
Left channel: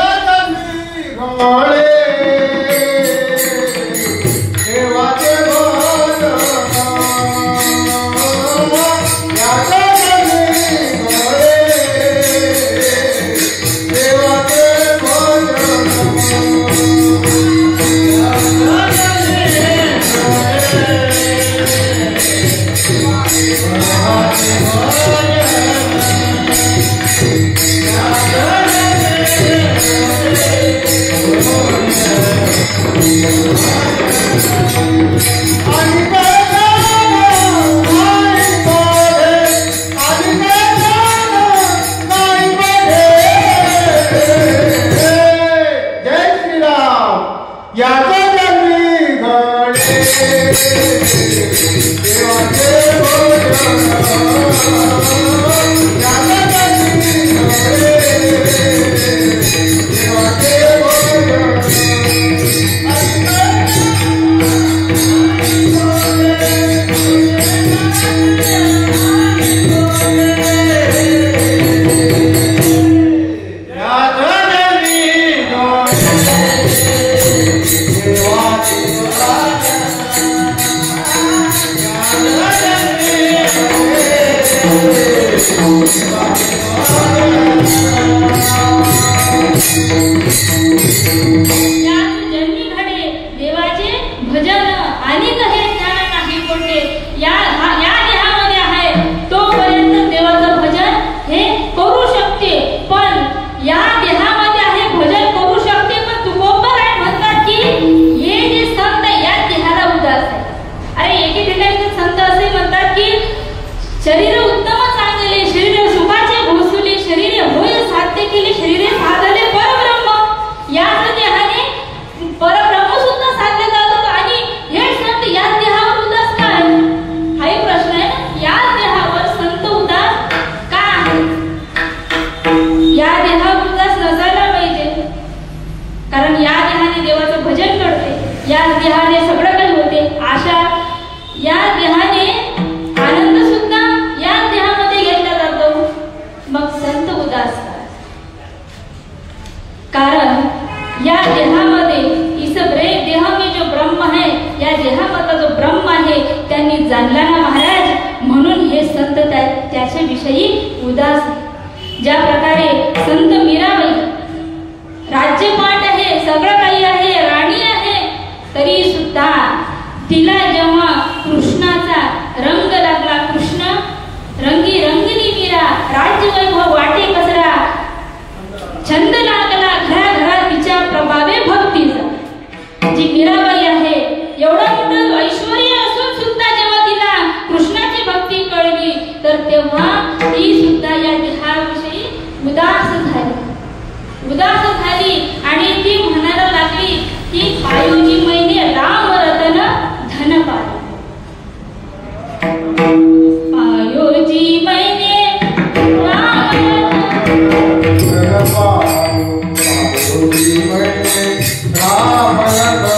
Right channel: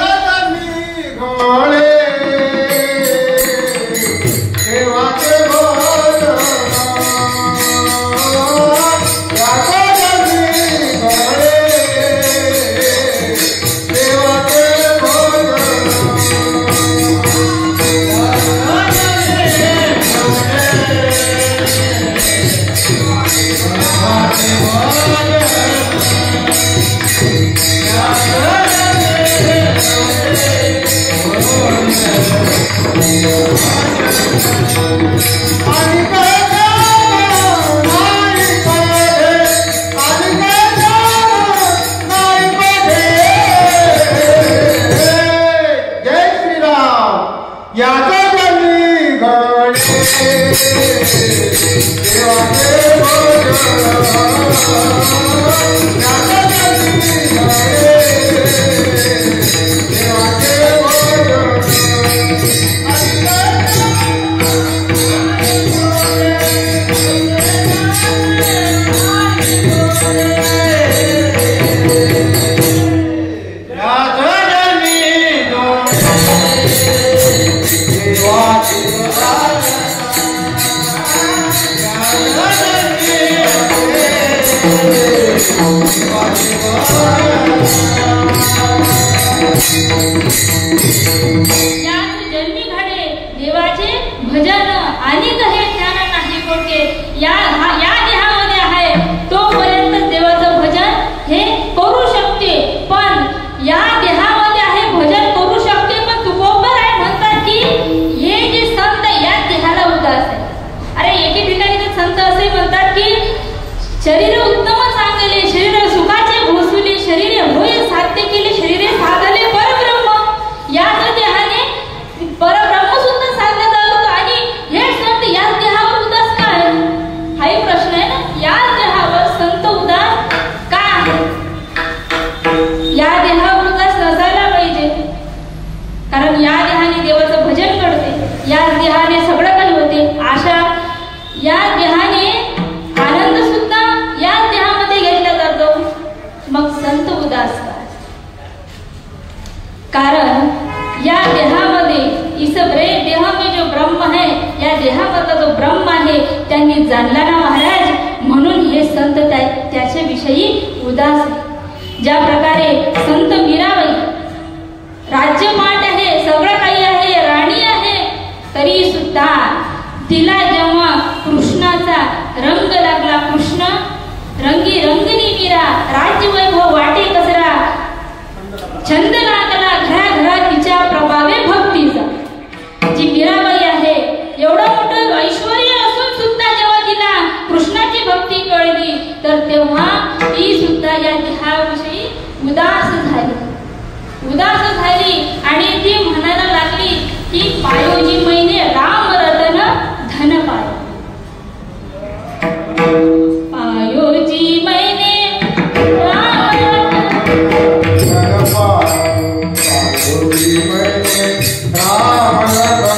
जन्मी घडे देवाचे भजन आणि कहे ज्ञान नाही कोणते. या देहामध्ये आहे तोपर्यंत देवाचं भजन हे करू शकते. पण या देहामध्ये आहे भजन करू शकते पण तुकोबर आहे म्हणतात की हे जे संत या देहाला उदास आहे. अरे एके ठिकाणी ते संत असे म्हणतात की शरीर उत्तम चांगले शरीर सुखाचे भोसुले शरीर होय साध्य केले शरीरे साधले परब्रह्म. याच देहाने परब्रह्म सुद्धा साध्य जातो आणि हे संत याच देहावर उदास का आहे हाही प्रश्न आहे ना. याच देहावर संत उदास का आहे. या देहावर उदास नसायला पाहिजे कारण या देहाने देवाचं भजन करते. याच देहाने सगळं काही होते. आशा या देहाने आनंद सुद्धा याच देहामध्ये घेतला जातो. मग संत उदास का कारण या देहामध्ये इस देह में जो ब्रह्म है या देहामध्ये जो ब्रह्म आहे त्यांनी जाणला ना महाराज. म्हणून हे संत त्याच्या विषयी उदास आहे. ज्या प्रकारे संत मीराबाई राज्यपाठ आहे सगळं काही आहे राणी आहे तरी सुद्धा तिला जेव्हा कृष्णाचा रंग लागला कृष्ण रंगी रंगिनी मीरा राज्यवैभव वाटे कसरा छंद लागला घराघरात तिच्या प्रभावे भक्तीचा. जी मीराबाई आहे एवढं मोठं ऐश्वर्य असून सुद्धा जेव्हा तिला कृष्णाची भक्ती कळली तर तेव्हा ती सुद्धा या देहाविषयी उदास झाली आणि ती म्हणायला लागली की पायोजी मैने राम रतन धन पाय. पायोजी मैने राम राम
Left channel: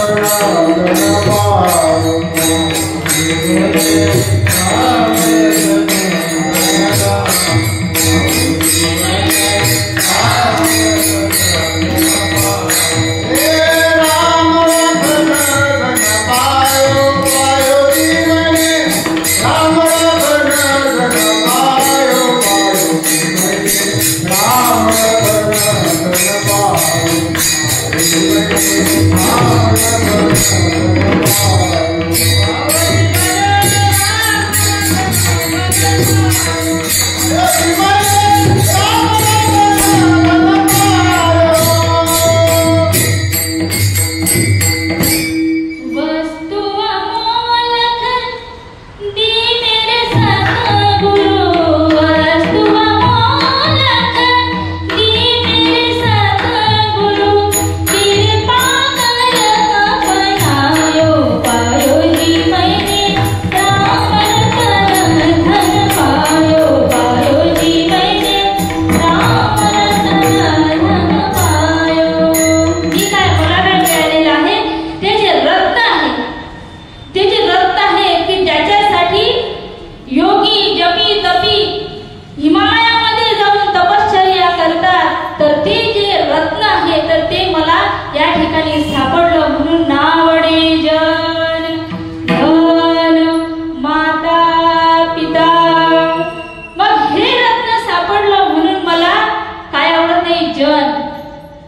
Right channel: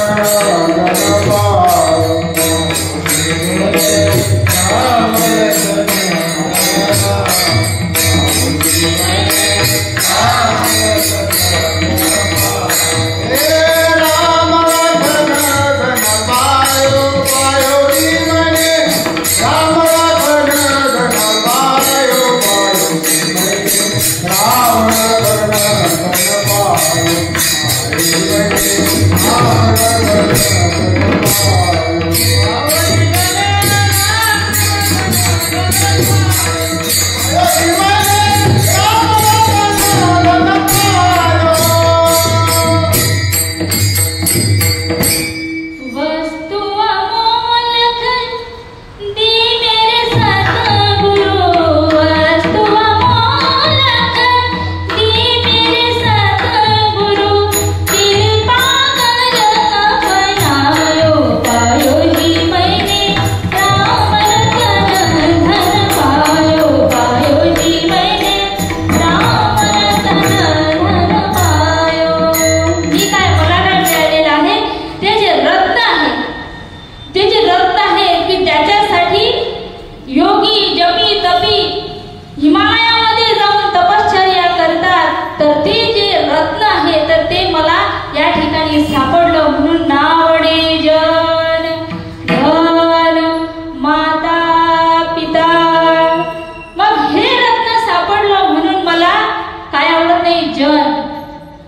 तपी हिमालयामध्ये जाऊन तपश्चर्या करतात, तर ते जे रत्न आहे तर ते मला या ठिकाणी सापडलं. म्हणून नावडे जन धन माता पिता. मग हे रत्न सापडलं म्हणून मला काय आवडत नाही? जन.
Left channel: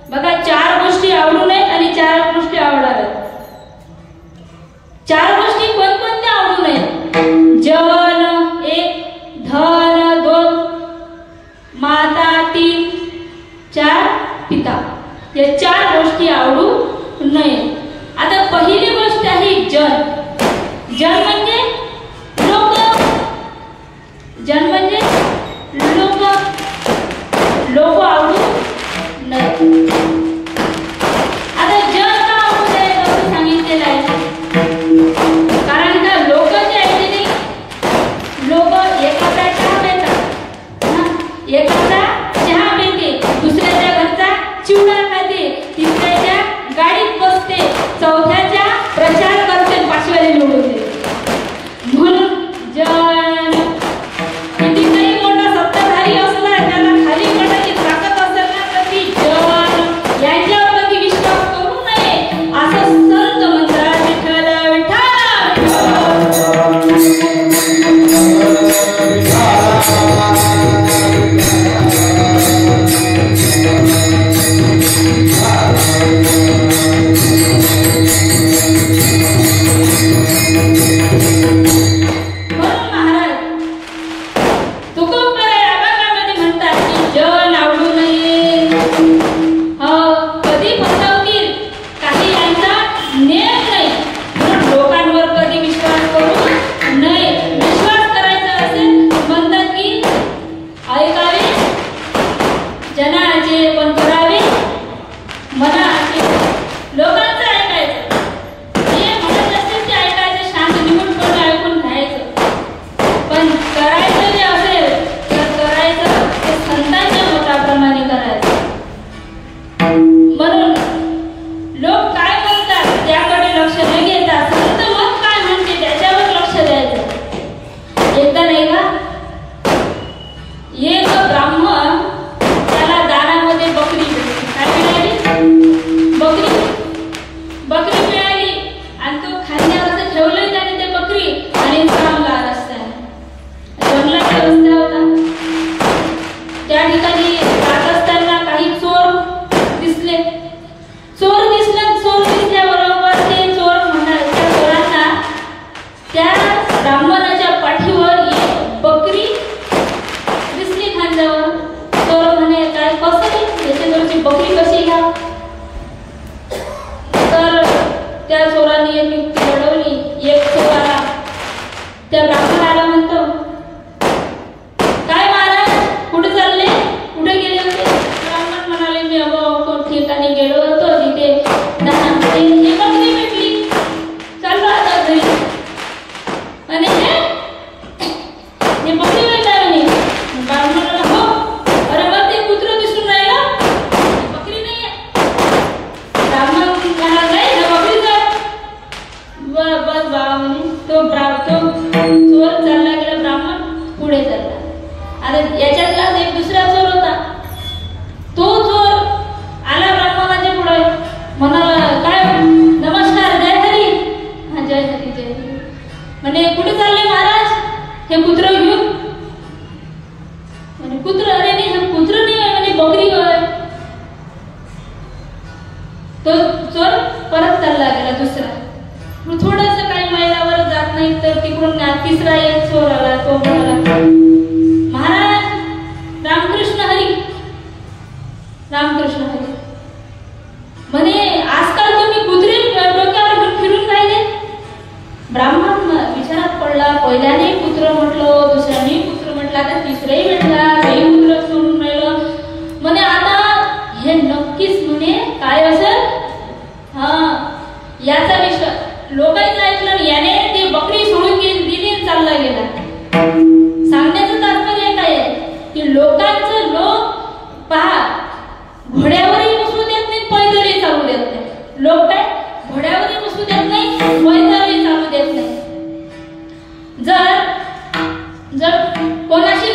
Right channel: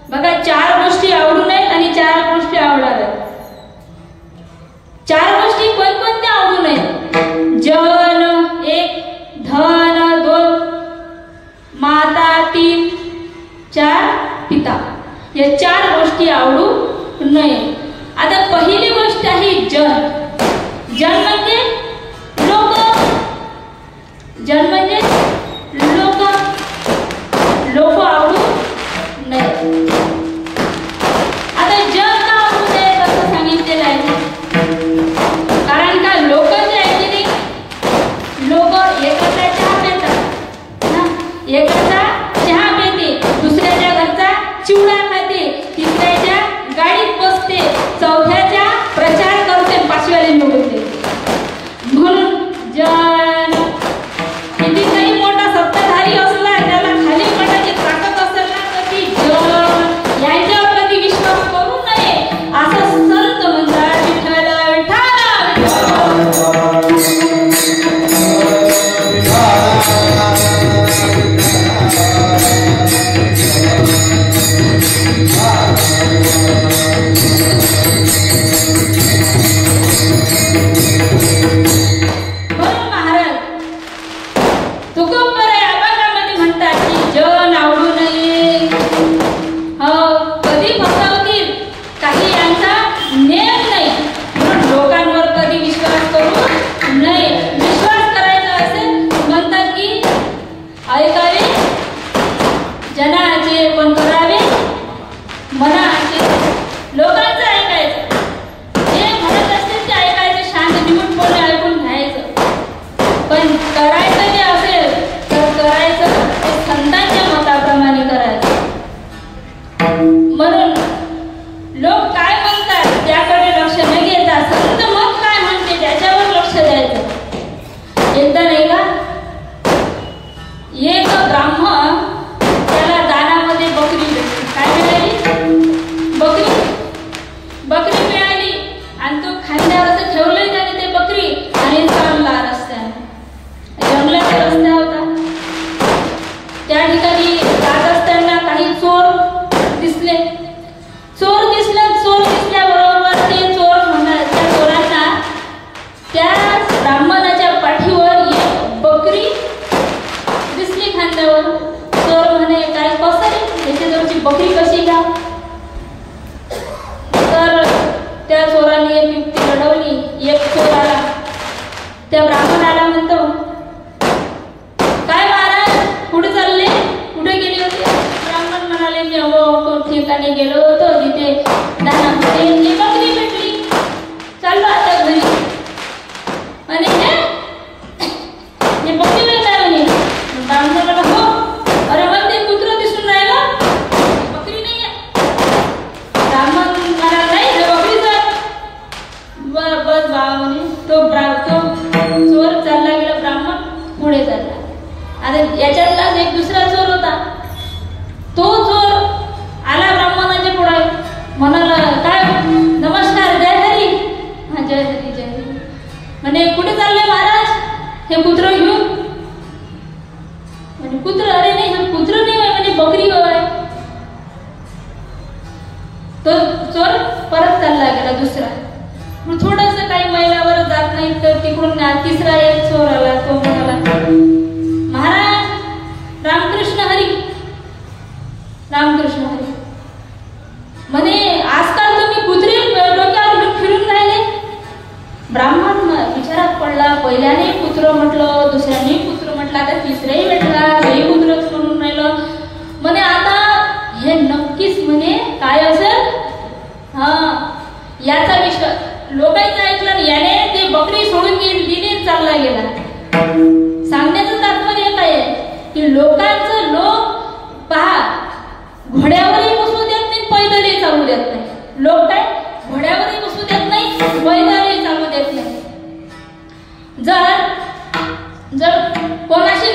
बघा, 4 गोष्टी आवडू नयेत आणि 4 गोष्टी आवडाव्यात. 4 गोष्टी कोणकोणत्या आवडू नयेत? जन 1, धन 2, माता 3, 4 पिता. या 4 गोष्टी आवडू नये. आता पहिली गोष्ट आहे जन. जन म्हणजे लोक. जन म्हणजे लोक. लोक आवडू नये. आता जन का आवडू नये असं सांगितलेलं आहे? कारण का लोक जे आहेत ते लोक एकाचा चहा पितात, एकाचा चहा पिते, दुसऱ्याच्या घरचा चिवडा खाते, तिसऱ्याच्या गाडीत बसते, चौथ्याच्या प्रचार करते, 5व्याला निवडते. म्हणून जन कितीतरी मोठा सत्ताधारी असला, त्याला खाली पडायची ताकद असेल ना, तर ती जन यांच्यावर कधी विश्वास करू नये असं संत म्हणतात. विठ्ठल त्या ब्राह्मणाला म्हणतो, काय महाराज कुठे चालले, कुठे गेले होते? ब्राह्मण म्हणाले, मी अगो ठिकाणी गेलो होतो जिथे दानामध्ये एक बकरी भेटली, चाललो आता घरी. आणि हे बकरी भेटला म्हणे. ब्राह्मण म्हणाला, हो. अरे मग ते कुत्र दिसून राहिलं, बकरी नाही आहे. ब्राह्मण म्हणाला, नाही हे बकरीच आहे. बस बाबा म्हणे. तो चोर चालला गेला, ब्राह्मण पुढे चालला. आणि याच्यातलाच एक दुसरा चोर होता. तो चोर आला ब्राह्मणाच्या पुढे, म्हणाला, काय नमस्कार, जय हरी. हा, जय हरी, जय हरी. म्हणे, कुठे चालले महाराज हे कुत्र घेऊन? म्हणजे कुत्र, अरे नाही हे कुत्र नाही म्हणजे बकरी होय. तो चोर परत चालला गेला दुसरा. थोडस काही महिलावर जात नाही तर तिकडून तिसरा एक चोर आला. तो म्हणाला, महाराज रामकृष्ण हरी, रामकृष्ण हरी. म्हणे, आजकाल तुम्ही कुत्रे डोक्यावर घेऊन फिरून राहिले? ब्राह्मण विचारात पडला. पहिल्याने कुत्र म्हटलं, दुसऱ्याने कुत्र म्हटलं, आता तिसराही भेटला, हेही कुत्रच म्हणून राहिलं. म्हणे, आता हे नक्कीच म्हणे काय असेल? हा, याचा विश्वास लोकांचं ऐकलं, याने ती बकरी सोडून दिली, चालला गेला. सांगण्याचं तात्पर्य काय आहे की लोकांचं लोक पहा, घोड्यावरही बसू देत नाही, पैदलही चालू देत नाही. लोक काय घोड्यावरही बसू देत नाही, पैदलही चालू देत नाही. जर कोणाशी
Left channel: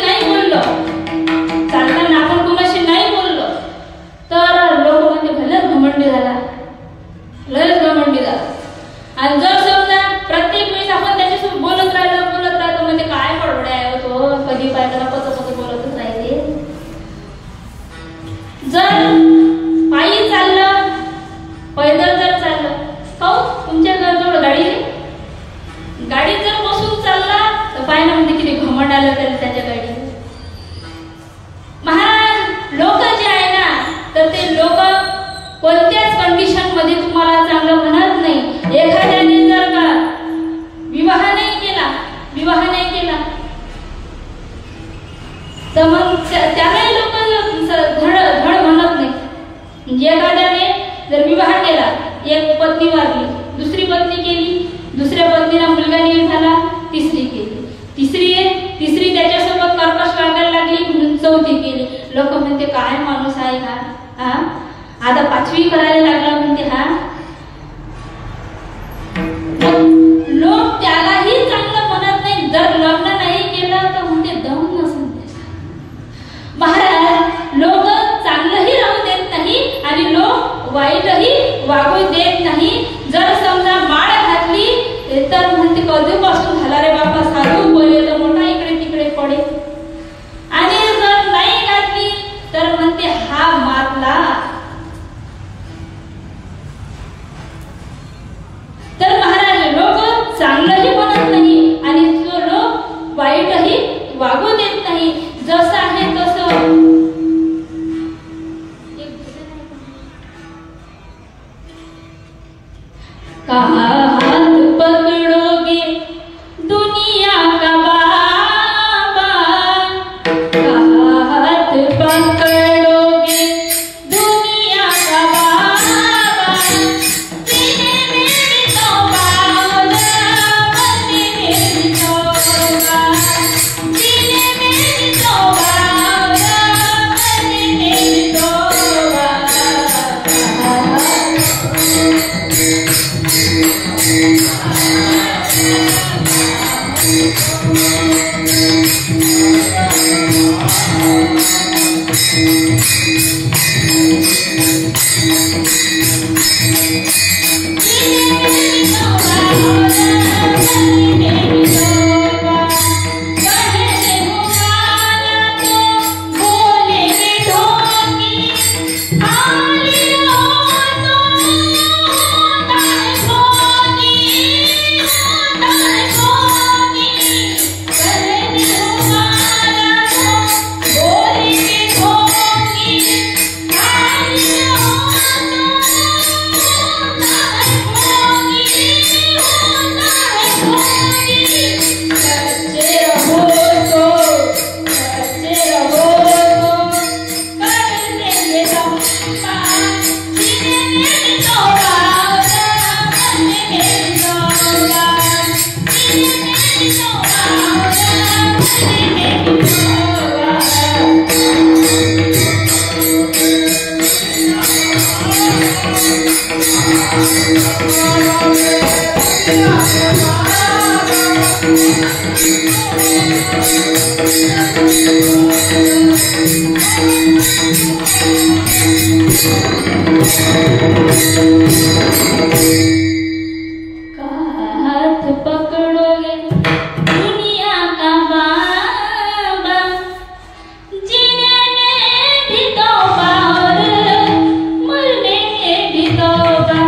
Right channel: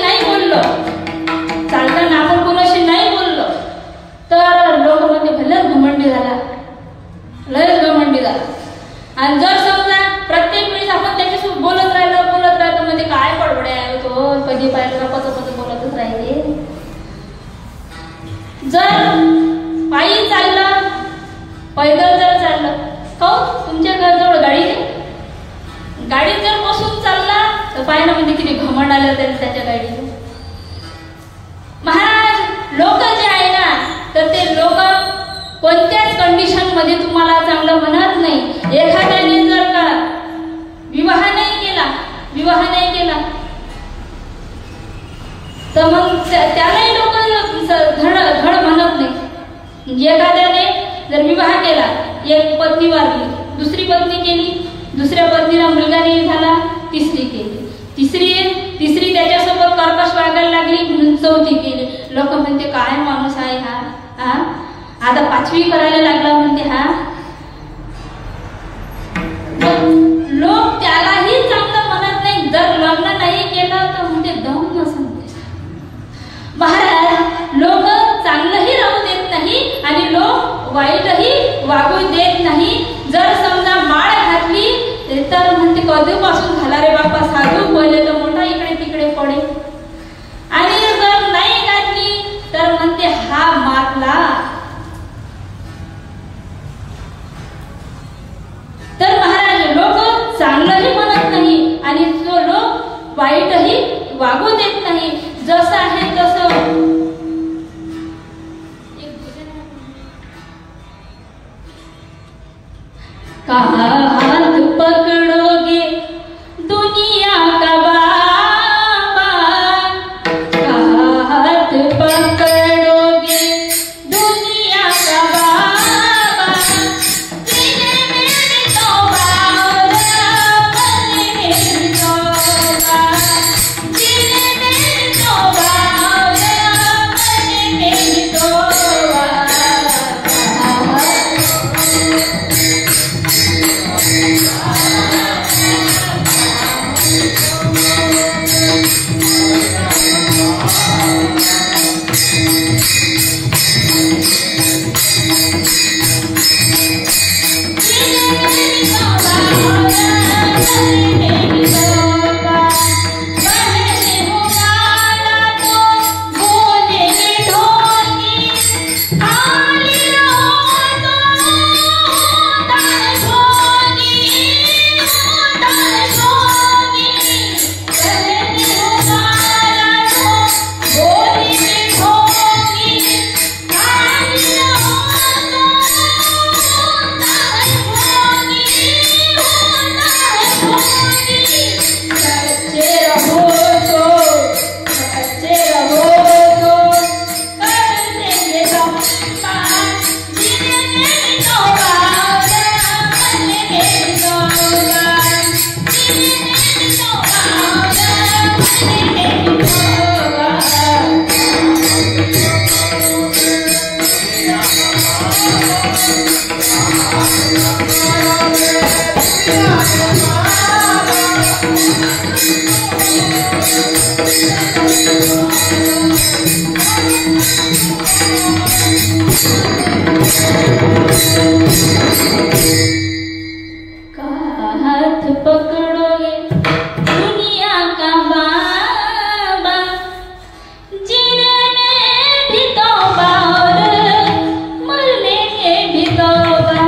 गाडीत जर बसून चालला तर पाहिलं म्हणजे किती घमंड आलं तरी त्याच्या गाडीचं. महाराज लोक जे आहे ना तर ते लोक कोणत्याच कंडिशन मध्ये तुम्हाला चांगलं म्हणत नाही. एखाद्याने जर का विवाह नाही केला तर मग त्यालाही लोक धड म्हणत नाही. म्हणजे एखाद्याने जर विवाह केला, एक पत्नी वारली, दुसरी पत्नी केली, दुसऱ्या पत्नीला मुलगा नाही झाला, तिसरी केली, तिसरी त्याच्यासोबत कर्कश वागायला लागली म्हणून चौथी केली. लोक म्हणते काय माणूस आहे हा, आता 5वी करायला लागला म्हणते हा. लोक त्यालाही चांगलं म्हणत नाही. जर लग्न नाही केलं तर म्हणते दम नसेल. महाराज लोक चांगलंही राहू देत नाही आणि लोक वाईटही वागू देत नाही. जर समजा माळ घातली तर म्हणते कधीपासून झाला रे बापा साधू, पहिले तर मोठा इकडे तिकडे पडे. आणि जर नाही घातली तर म्हणते हा मारला. तर महाराज लोक चांगलंही म्हणत नाही आणि जो लोक वाईटही वागू देत नाही. जसं आहे तसं कहा हाथ पकड़ोगे दुनिया का बाबा, कहा हाथ पकड़ोगे दुनिया का बाबा, सीने में भी तौबा, मरने में भी तौबा, सीने में भी तौबा, मरने में भी तौबा. हाथ पकड़ोगे दुनिया का बाबा, जीने में भी तौबा और मरने में भी तौबा.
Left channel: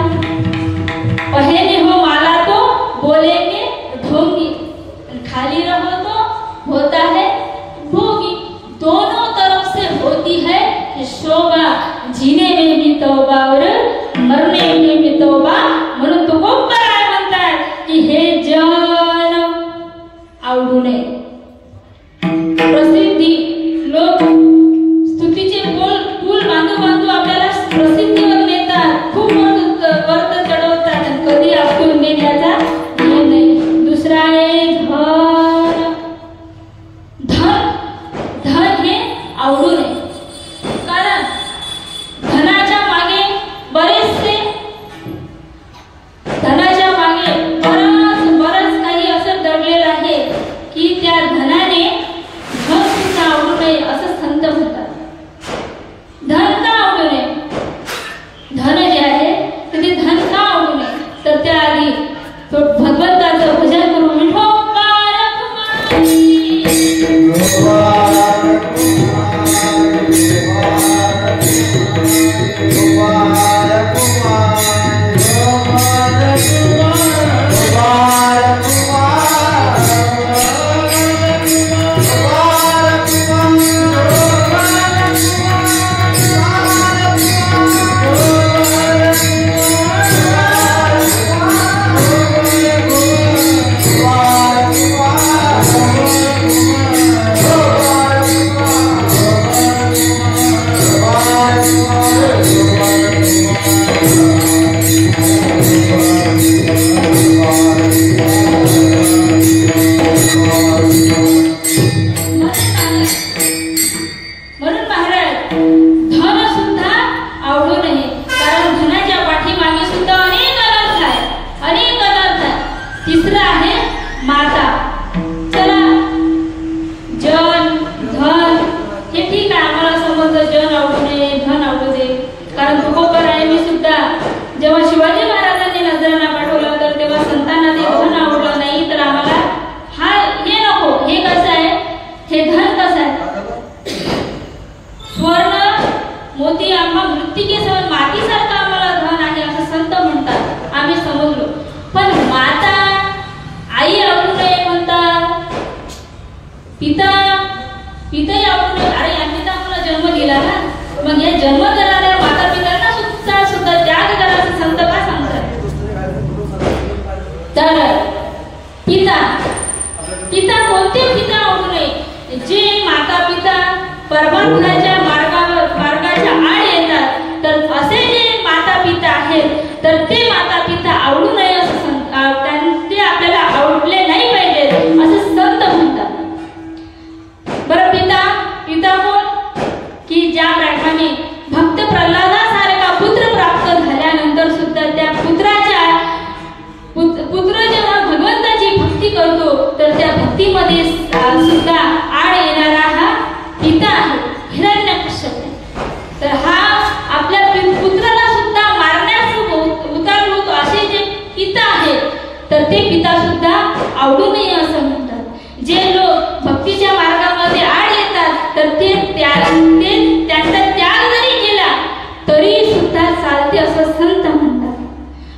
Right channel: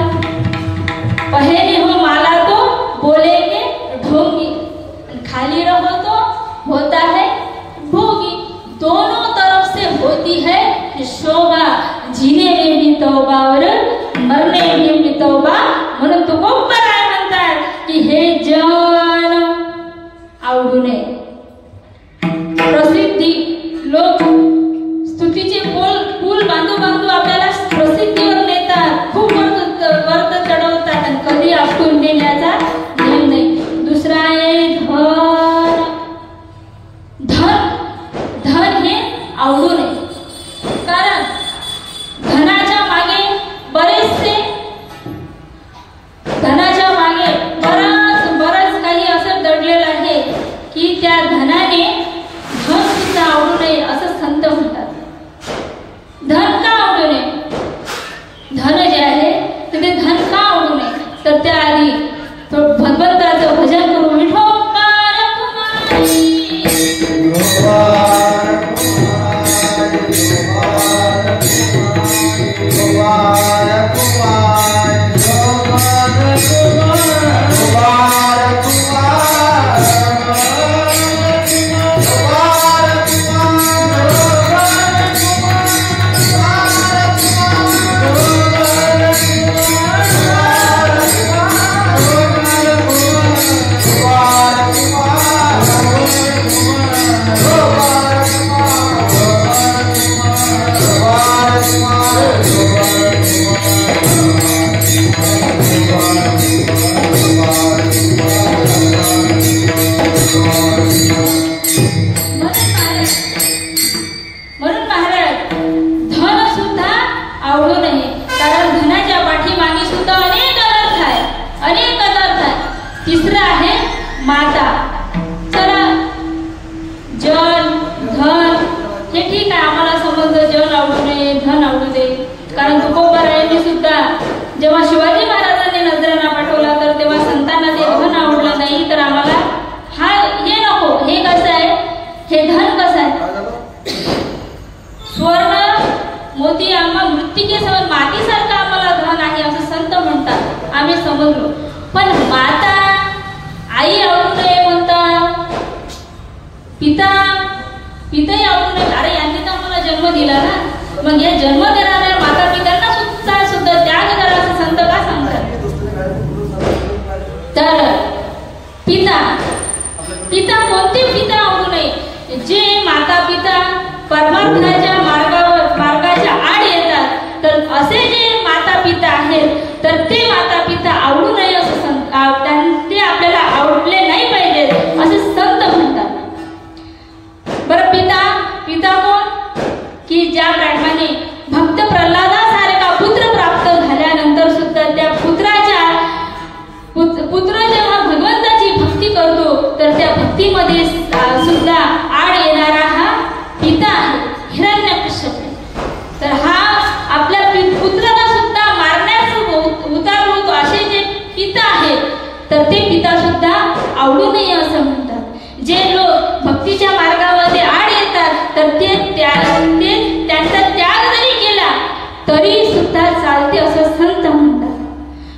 पहले हो माला तो बोलेंगे ढोंगी, खाली रहो तो होता है भोगी. दोनों तरफ से होती है शोभा. जीने में भी तौबा और मरने में भी तौबा. म्हणून तो काय म्हणतात की हे जन आवडू नये. प्रसिद्धी लोक स्तुतीचे पूल बांधू आपल्याला प्रसिद्धीवर नेतात, खूप वर्त चढवतात आणि कधी आपटून देण्याचा नियम नाही. दुसरा आहे धन हे आवडू नये. कारण धनाच्या मागे बरंच काही असं दडलेलं आहे की त्या म्हणून महाराज धन सुद्धा आवडू नये, कारण धनाच्या पाठीमागे सुद्धा अनेक अनर्थ आहे. तिसरं आहे माता. चला, जन धन हे ठीक आहे, आम्हाला समजलं जन आवडू नये, धन आवडू दे. कारण तुकोबर आहे मी सुद्धा जेव्हा शिवाजी महाराजांनी नजराणा पाठवला तर तेव्हा संतांना ते धन आवडलं नाही, तर आम्हाला हे नको. हे कसं आहे, हे धन कसं आहे, स्वर्ण मोती आम्हा मृत्तिकेसह मातीसारखं आम्हाला धन आहे असं संत म्हणतात, आम्ही समजलो. पण माता आई आवडू नये म्हणतात, पिताही आवडू नये. अरे यांनी तर आम्हाला जन्म दिला ना, मग या जन्म देणाऱ्या माता पित्यांना सुद्धा त्याग करा असं संत का सांगतात. तर पिता कोणते पिता आवडू नये, जे माता पिता परमार्थाच्या मार्गाच्या आड येतात, तर असे जे माता पिता आहेत तर ते माता पिता आवडू नये असं ते आपल्याला आवडले नाही पाहिजे असं संत म्हणतात. बरं, पिता कोण, की ज्याप्रमाणे भक्त प्रल्हादासारखा पुत्र प्राप्त झाल्यानंतर सुद्धा त्या पुत्र जेव्हा भगवंताची भक्ती करतो तर त्या भक्तीमध्ये सुद्धा आड येणारा हा पिता आहे, हिरण्यकश्यप. तर हा आपल्या पुत्राला सुद्धा मारण्यास उतारू होतो असे जे पिता आहेत, तर ते पिता सुद्धा आवडू नये असं म्हणतात. जे लोक भक्तीच्या मार्गामध्ये आड येतात तर ते त्यांचा त्याग जरी केला तरी सुद्धा चालते असं संत म्हणतात.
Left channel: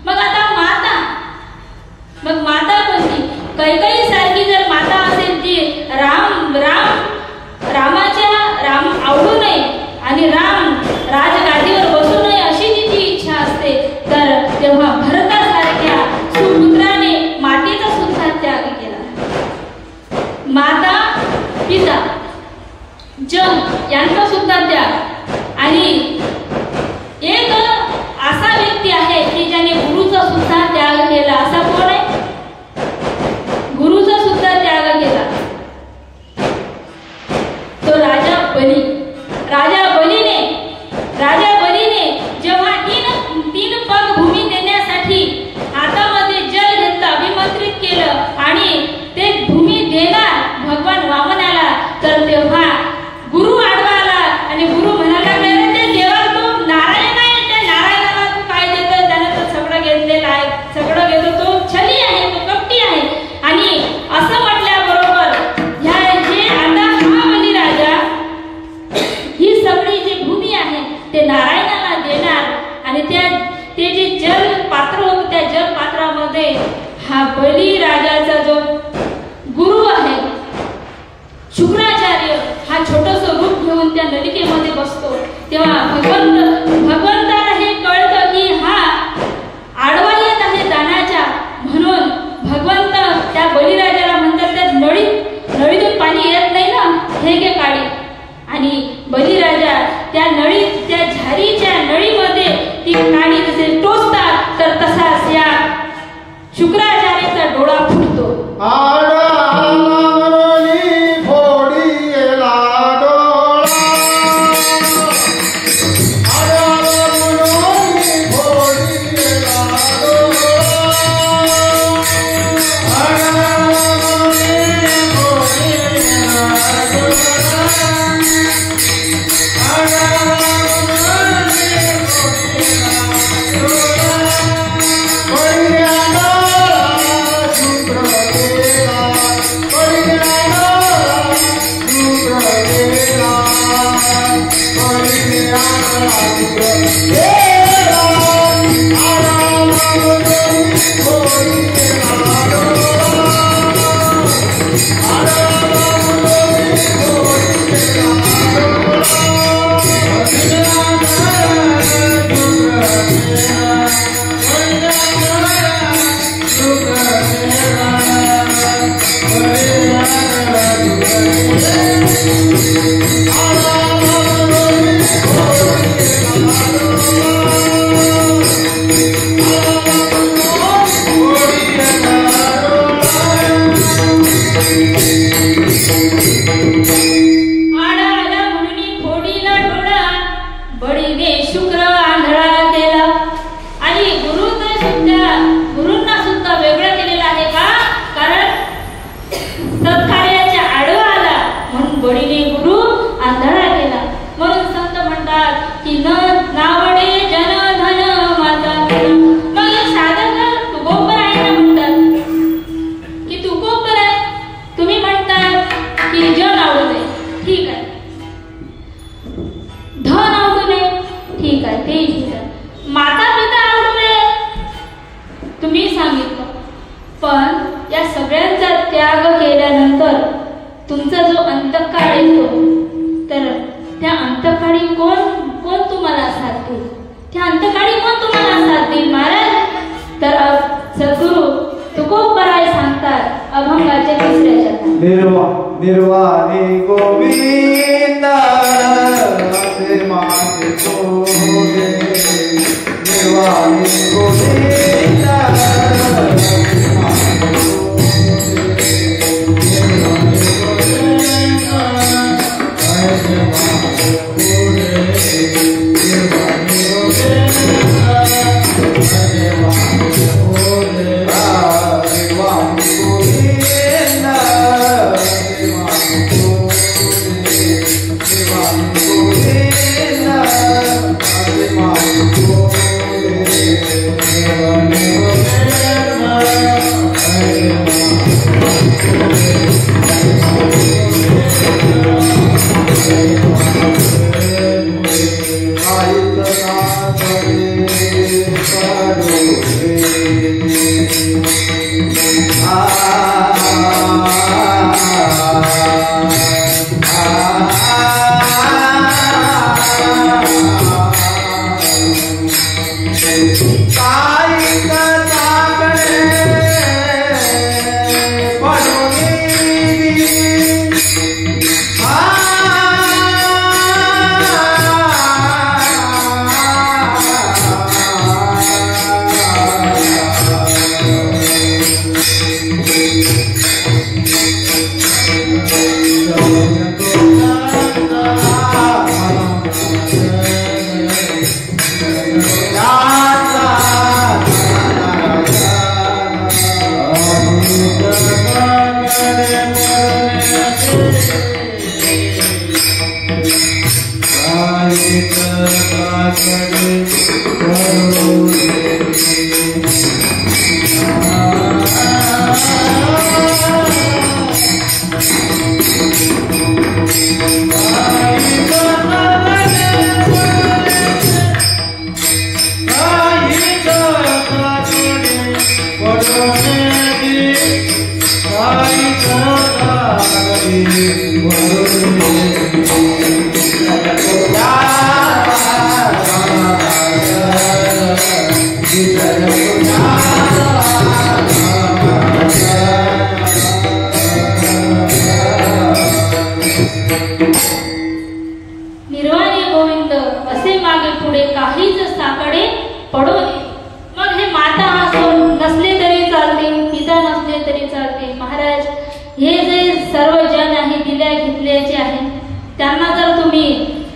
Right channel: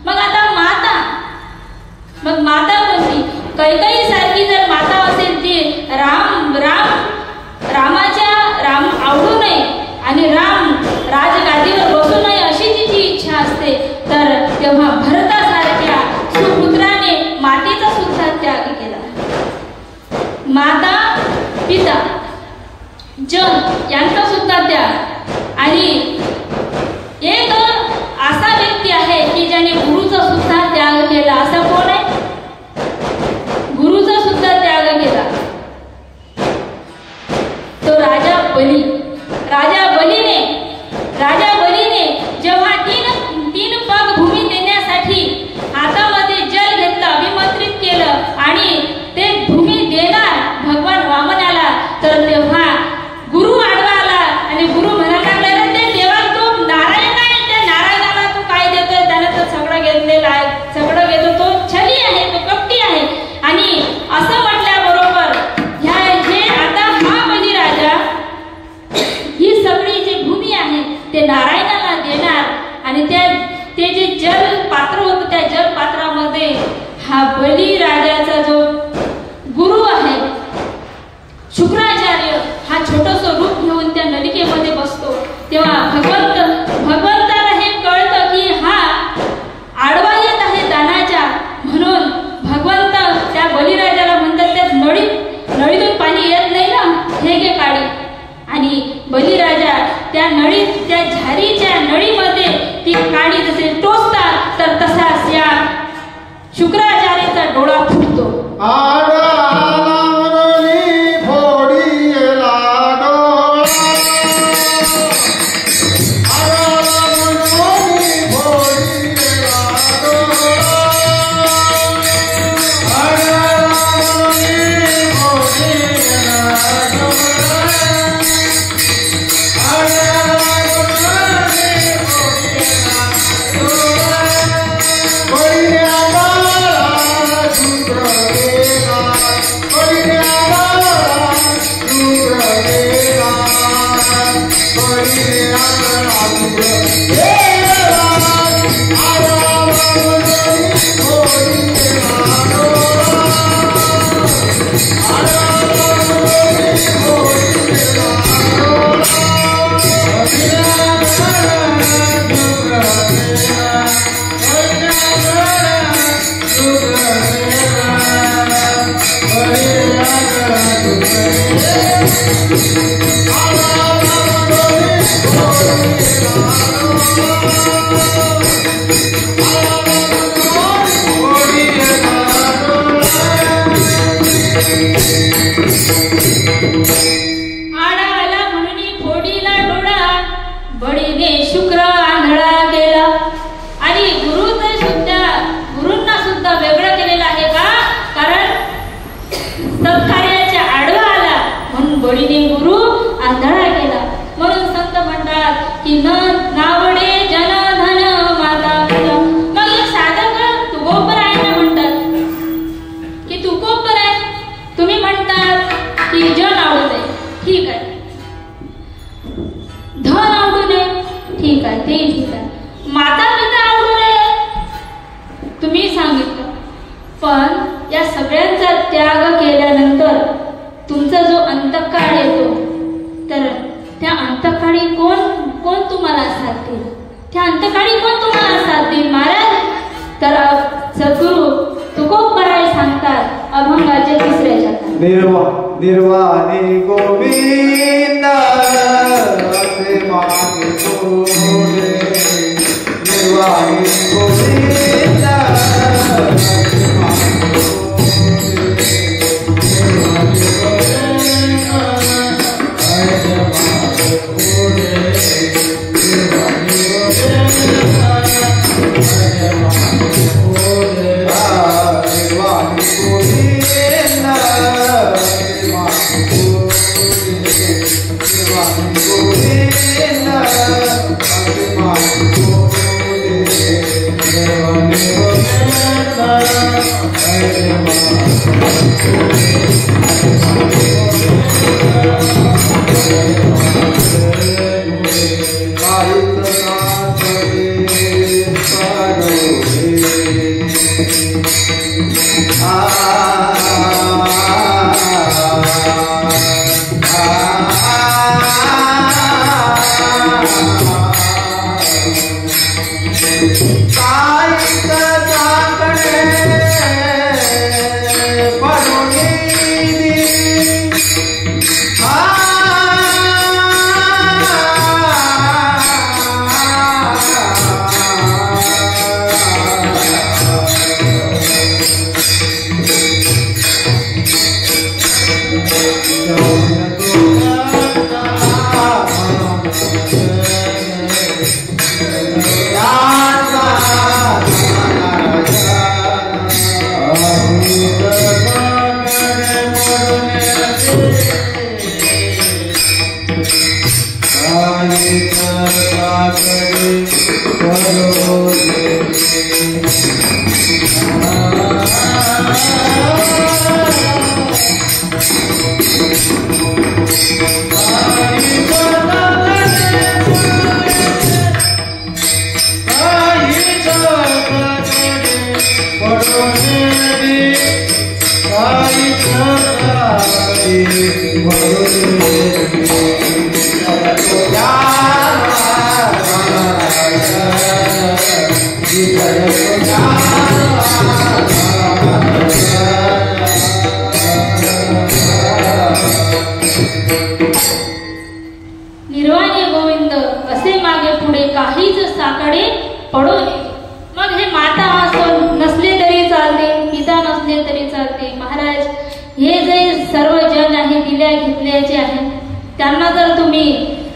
मग आता माता कोणती, कैकेयी सारखी जर माता असेल ती राम आवडू नये आणि राम राजगादीवर बसू नये अशी तिची इच्छा असते, तर तेव्हा भरतासारख्या सुपुत्राने मातेचा सुद्धा त्याग केला. माता पिता जन यांचा सुद्धा त्याग. आणि एक असा व्यक्ती आहे की ज्याने गुरुचा सुद्धा त्याग केला. असा कोण आहे, गुरुचा सुद्धा त्याग केला, तो राजा बलीने जेव्हा तीन पग भूमी देण्यासाठी हातामध्ये जल घेतलं, अभिमंत्रित केलं आणि ते भूमी देणार भगवान वामनाला, तर तेव्हा गुरु आडवा आला आणि गुरु म्हणायला लागला, ते देवा तू नारायण आहे, त्या नारायणाला तू काय देतोय, त्यानं तर सगळं घेतलेलं आहे, सगळं घेतो, तो छली आहे, तो कपटी आहे. आणि असं म्हटल्याबरोबर जे आता हा बलिराजा ही सगळी जी भूमी आहे ते नारायणाला देणार. आणि ते जे जल पात्र होतं त्या जल पात्रामध्ये हा बलिराजाचा जो गुरु आहे शुक्राचार्य हा छोटस रूप घेऊन त्या नलिकेमध्ये बसतो. तेव्हा भगवंताला हे कळतं की हा आडवा येत आहे दानाच्या, म्हणून भगवंत त्या बलिराजाला म्हणतात त्या नळीतून पाणी येत नाही ना, हे घे काढी. आणि बलिराजा त्या झारीच्या नळीमध्ये ती पाणी जसे टोचतात तर तसाच या शुक्राचार्याचा डोळा फुटतो. आला म्हणून फोडीला डोळा बळीने शुक्र आंधळा केला. आणि गुरूंना सुद्धा वेगळं केलेलं आहे का? कारण सत्कार्याच्या आडवा आला म्हणून बळीने गुरु आंधळा केला. म्हणून संत म्हणतात की न नावडे जन धन माता. मग हे साधक तुकोपर आहे ना म्हणतात की तुकोपर आहे. तुम्ही म्हणतात की जन आवडू नये, ठीक आहे. धन आवडू नये, ठीक आहे, ते ठीक आहे. माता पिता आवडू नये, तुम्ही सांगितलं. पण या सगळ्यांचा त्याग केल्यानंतर तुमचा जो अंतकाळ येतो, तर त्या अंतकाळी कोण तुम्हाला साथ देईल? त्या अंतकाळी कोण तुम्हाला साथ देईल महाराज? तर सद्गुरु तुकोबराय सांगतात अभंगाच्या तिसऱ्या शतकात, निर्वाणी गोविंद असे मागितो रे. निर्वाणी गोविंद असे मागितो निर्वाणी गोविंद असे मागे पुढे काहीच साकडे पडो नये. मग हे माता नसले तरी चालते, पिता नसले तरी चालते. महाराज, हे जे सर्व जन आहे दिल्या घेतल्याचे आहेत, त्यांना जर तुम्ही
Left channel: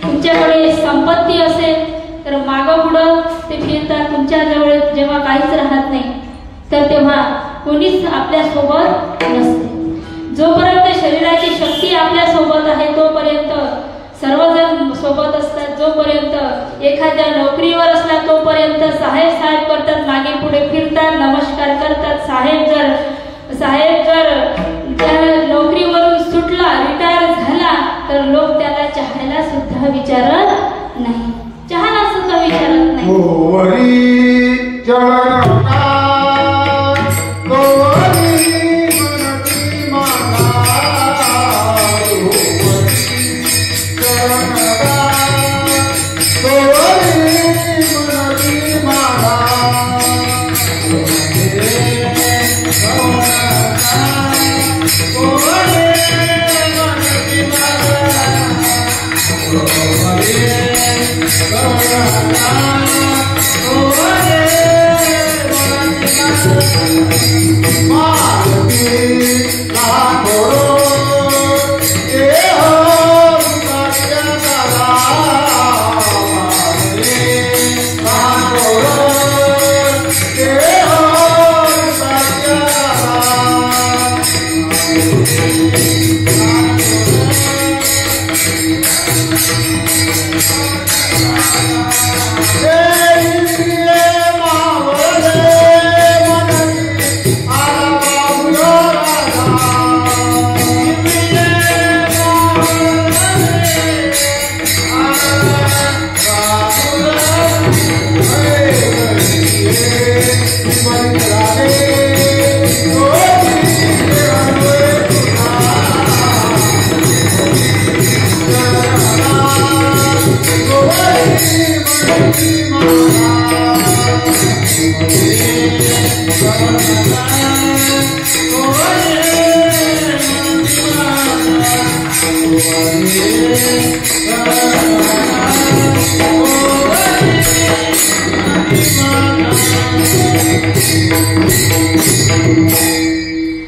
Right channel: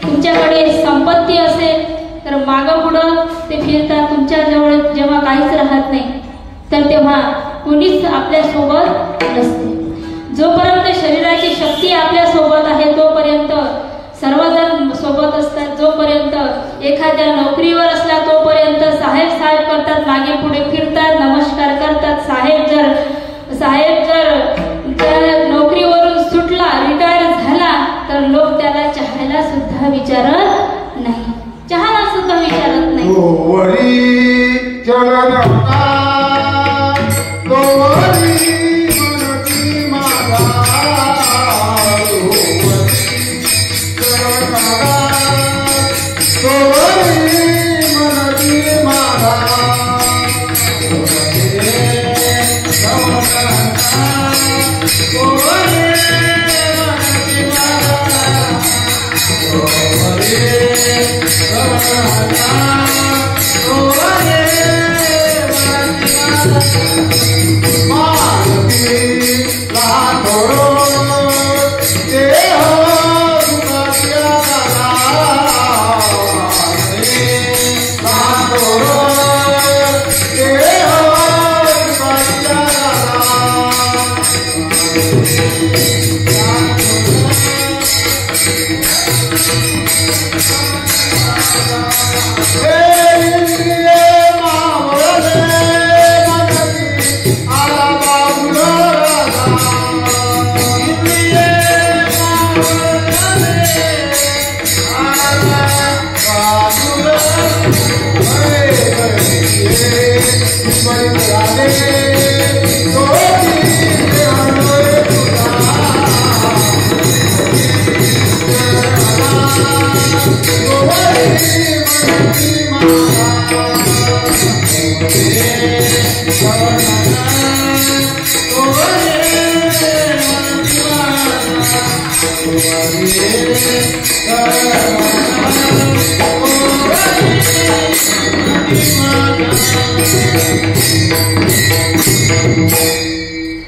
तुमच्याकडे संपत्ती असेल तर मागं पुढं ते फिरतात. तुमच्याजवळ जेव्हा काहीच राहत नाही तर तेव्हा कुणीच आपल्या सोबत नसते. जोपर्यंत शरीराची शक्ती आपल्या सोबत आहे तोपर्यंत सर्वजण सोबत असतात. जोपर्यंत एखाद्या नोकरीवर असला तोपर्यंत साहेब करतात, मागे पुढे फिरतात, नमस्कार करतात. साहेब जर त्या नोकरीवरून सुटला, रिटायर झाला, तर लोक त्याला चहायला सुद्धा विचारत नाही, चहाला सुद्धा विचारत नाही.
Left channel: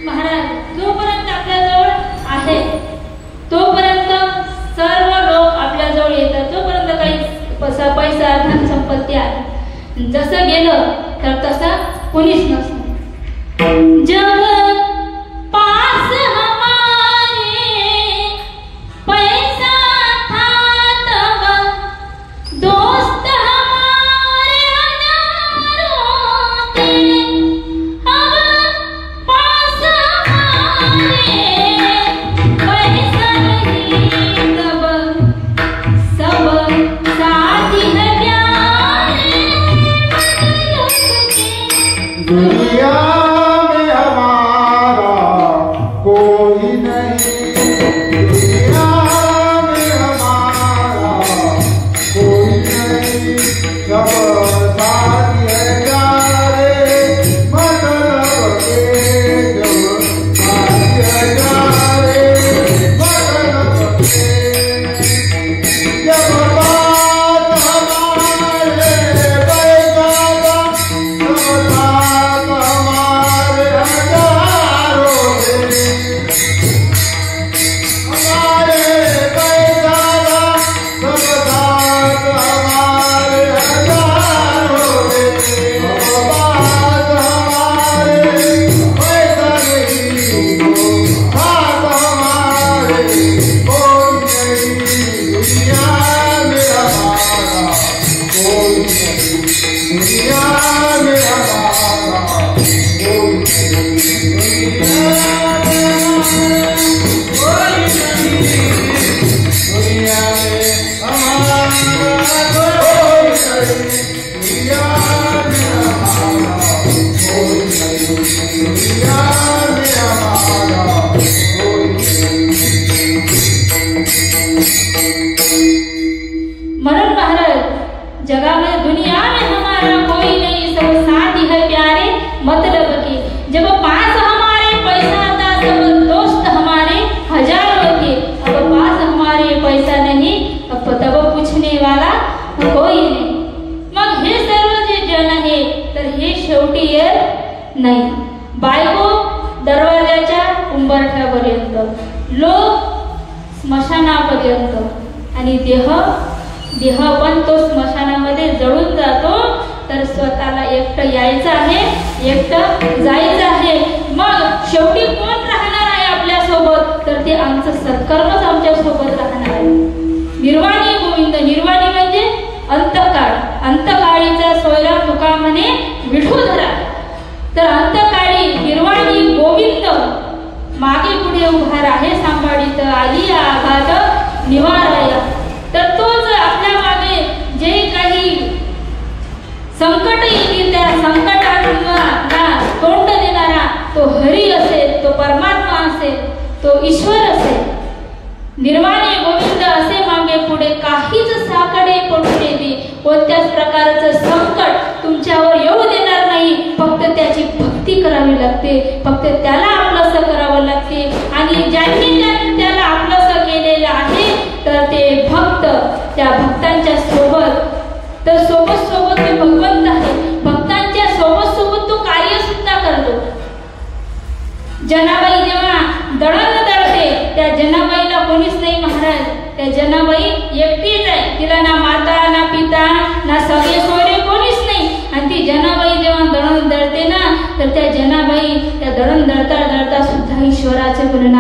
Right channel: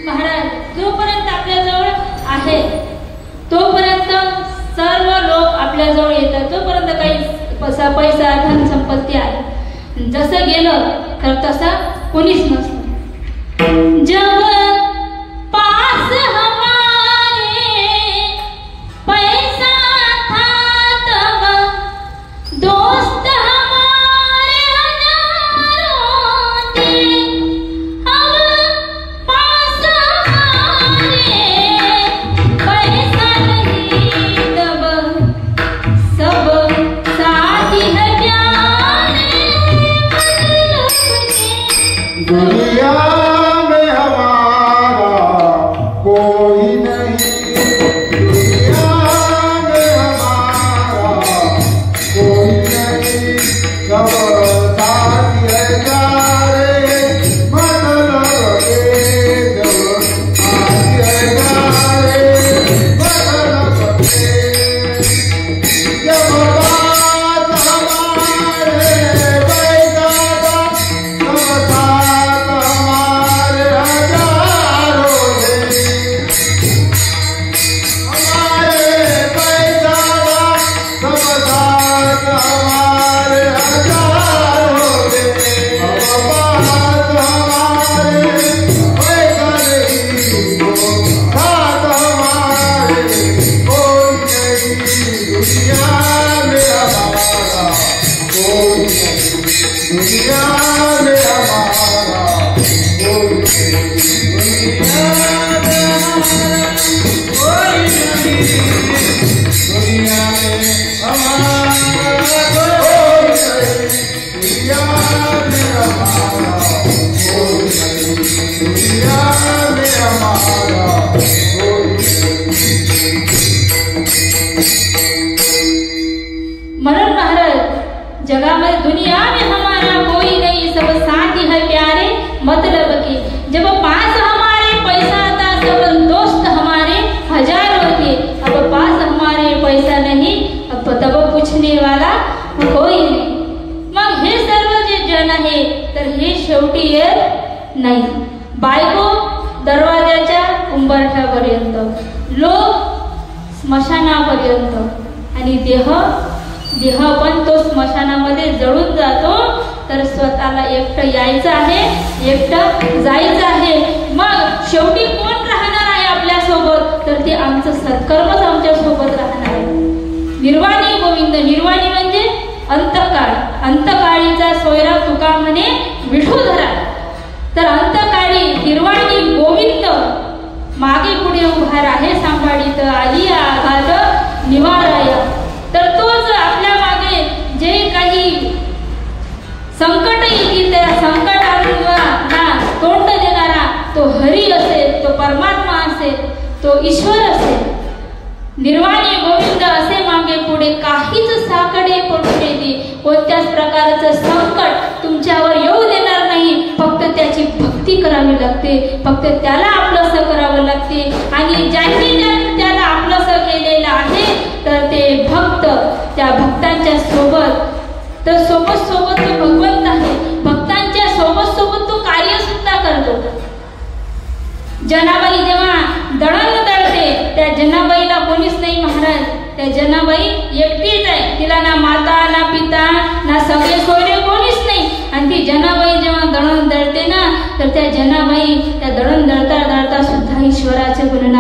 महाराज, जोपर्यंत आपल्याजवळ आहे तोपर्यंत सर्व लोक आपल्याजवळ येतात. जोपर्यंत काही पैसा धन संपत्ती आहे, जसं गेलं तर तसं कोणीच नसतं. जब पास हमारे पैसा था तब दोस्त हमारे हजारों थे. अब पास हमारे पैसा नहीं तब सब साथी है प्यारे. दुनिया में हमारा कोई नहीं, दुनिया में हमारा कोई नहीं, सब साथी है प्यारे. मतलब के जब साथी है प्यारे, मतलब के जब बात हमारे पैसा का, सब साथ हमारे हजारों में. हमारे पैसा का, सब साथ हमारे हजारों में. अब बात हमारे पैसा नहीं तो साथ हमारे कोई नहीं. दुनिया में हमारा कोई नहीं, दुनिया में हमारा कोई नहीं, दुनिया में हमारा कोई नहीं, दुनिया में हमारा कोई नहीं, दुनिया में हमारा कोई नहीं, दुनिया में हमारा कोई नहीं. म्हणून महाराज, जगामध्ये दुनिया में हमारा कोई नहीं, सब साथी है प्यारे. मतलब के जब पास हमारे पैसा था तब दोस्त हमारे हजारों थे. अब पास हमारे पैसा नहीं तब पूछने वाला कोई नाही. मग हे सर्व जे जन आहे तर हे शेवटी येत नाही. बायको दरवाजाच्या उंबरठ्यापर्यंत, लोक स्मशानापर्यंत, आणि देह पण तो स्मशानामध्ये जळून जातो. तर स्वतःला एकटं यायचं आहे, एकटं जायचं आहे. मग शेवटी कोण राहणार आहे आपल्या सोबत? तर ते आमचं सत्कर्मच आमच्या सोबत राहणार आहे. निर्वाणी गोविंद, निर्वाणी म्हणजे अंतकाळ. अंतकाळीचा सोयरा तुका म्हणे विठू धरा. तर अंतकाळी निर्वाणी गोविंद मागे पुढे उभा आहे, सांभाळीत आली आघात निवाराया. तर तोच आपल्या मागे जे काही संकट येतील त्या संकटांना तोंड देणारा तो हरी असेल, तो परमात्मा असेल, तो ईश्वर असेल. निर्वाणी गोविंद असे मागे पुढे काहीच साकडे पडू देते, कोणत्याच प्रकारचं संकट तुमच्यावर येऊ देणार नाही. फक्त त्याची भक्ती करावी लागते, फक्त त्याला आपलंसं करावं लागते. आणि ज्यांनी त्याला आपलंसं केलेलं आहे तर ते भक्त, त्या भक्तांच्या सोबत, तर सोबत सोबत तो भगवंत आहे. भक्तांच्या सोबत सोबत तो कार्य सुद्धा करतो. जनाबाई जेव्हा दळण दळते, त्या जनाबाईला कोणीच नाही महाराज. त्या जनाबाई एकटीच आहे. तिला ना माता, ना पिता, ना सगळे सोयरे कोणीच नाही. आणि ती जनाबाई जेव्हा दळण दळते ना, तर त्या जनाबाई त्या दळण दळता दळता सुद्धा ईश्वराचे गुण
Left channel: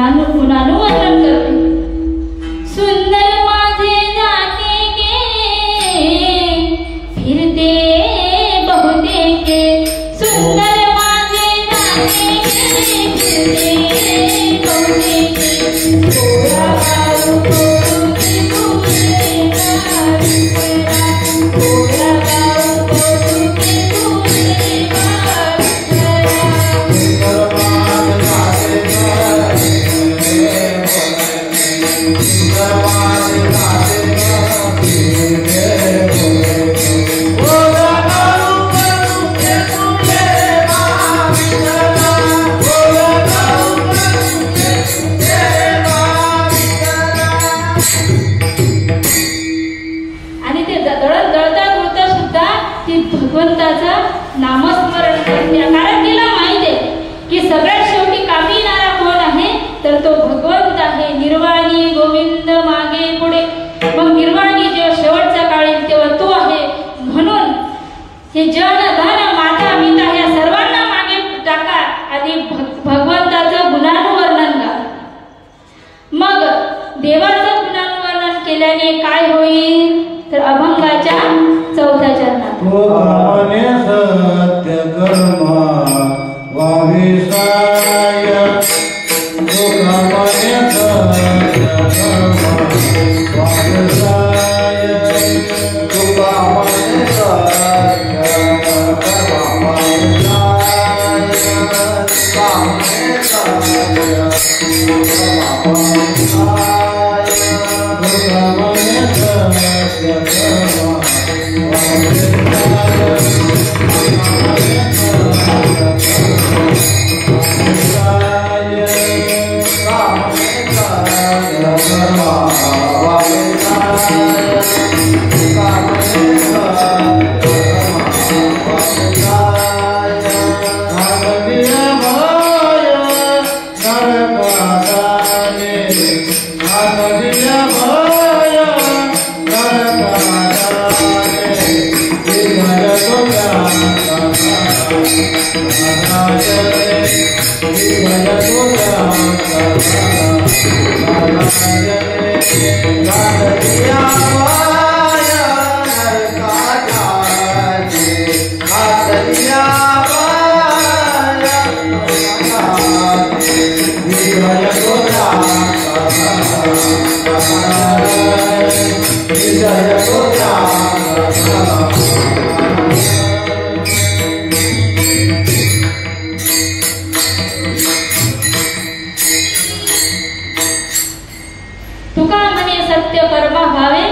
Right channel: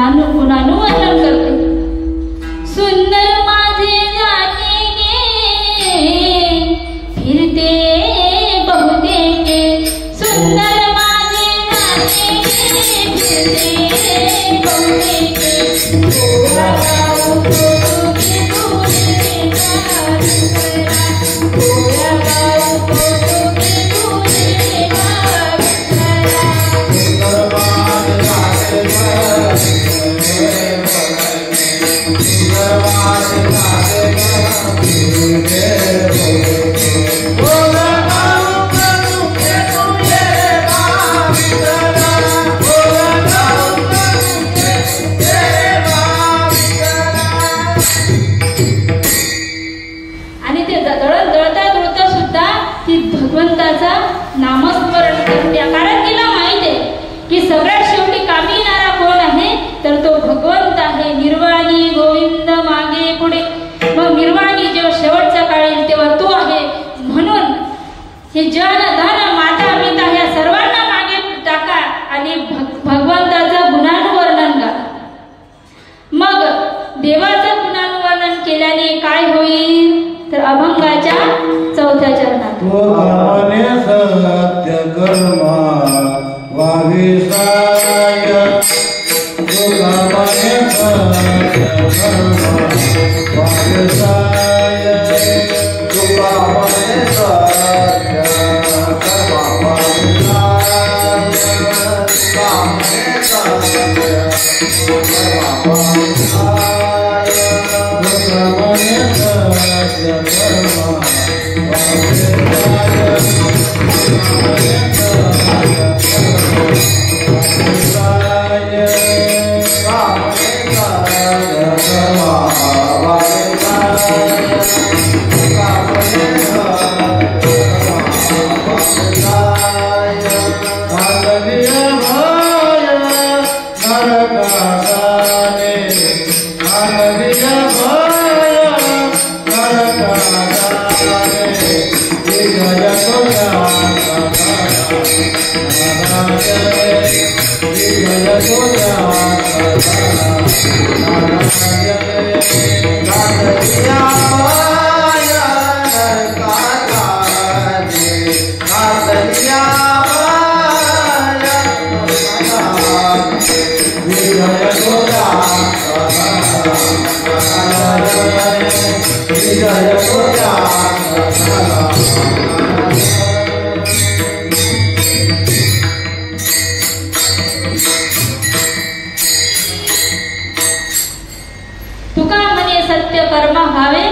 तुका म्हणे सत्य कर्म व्हावे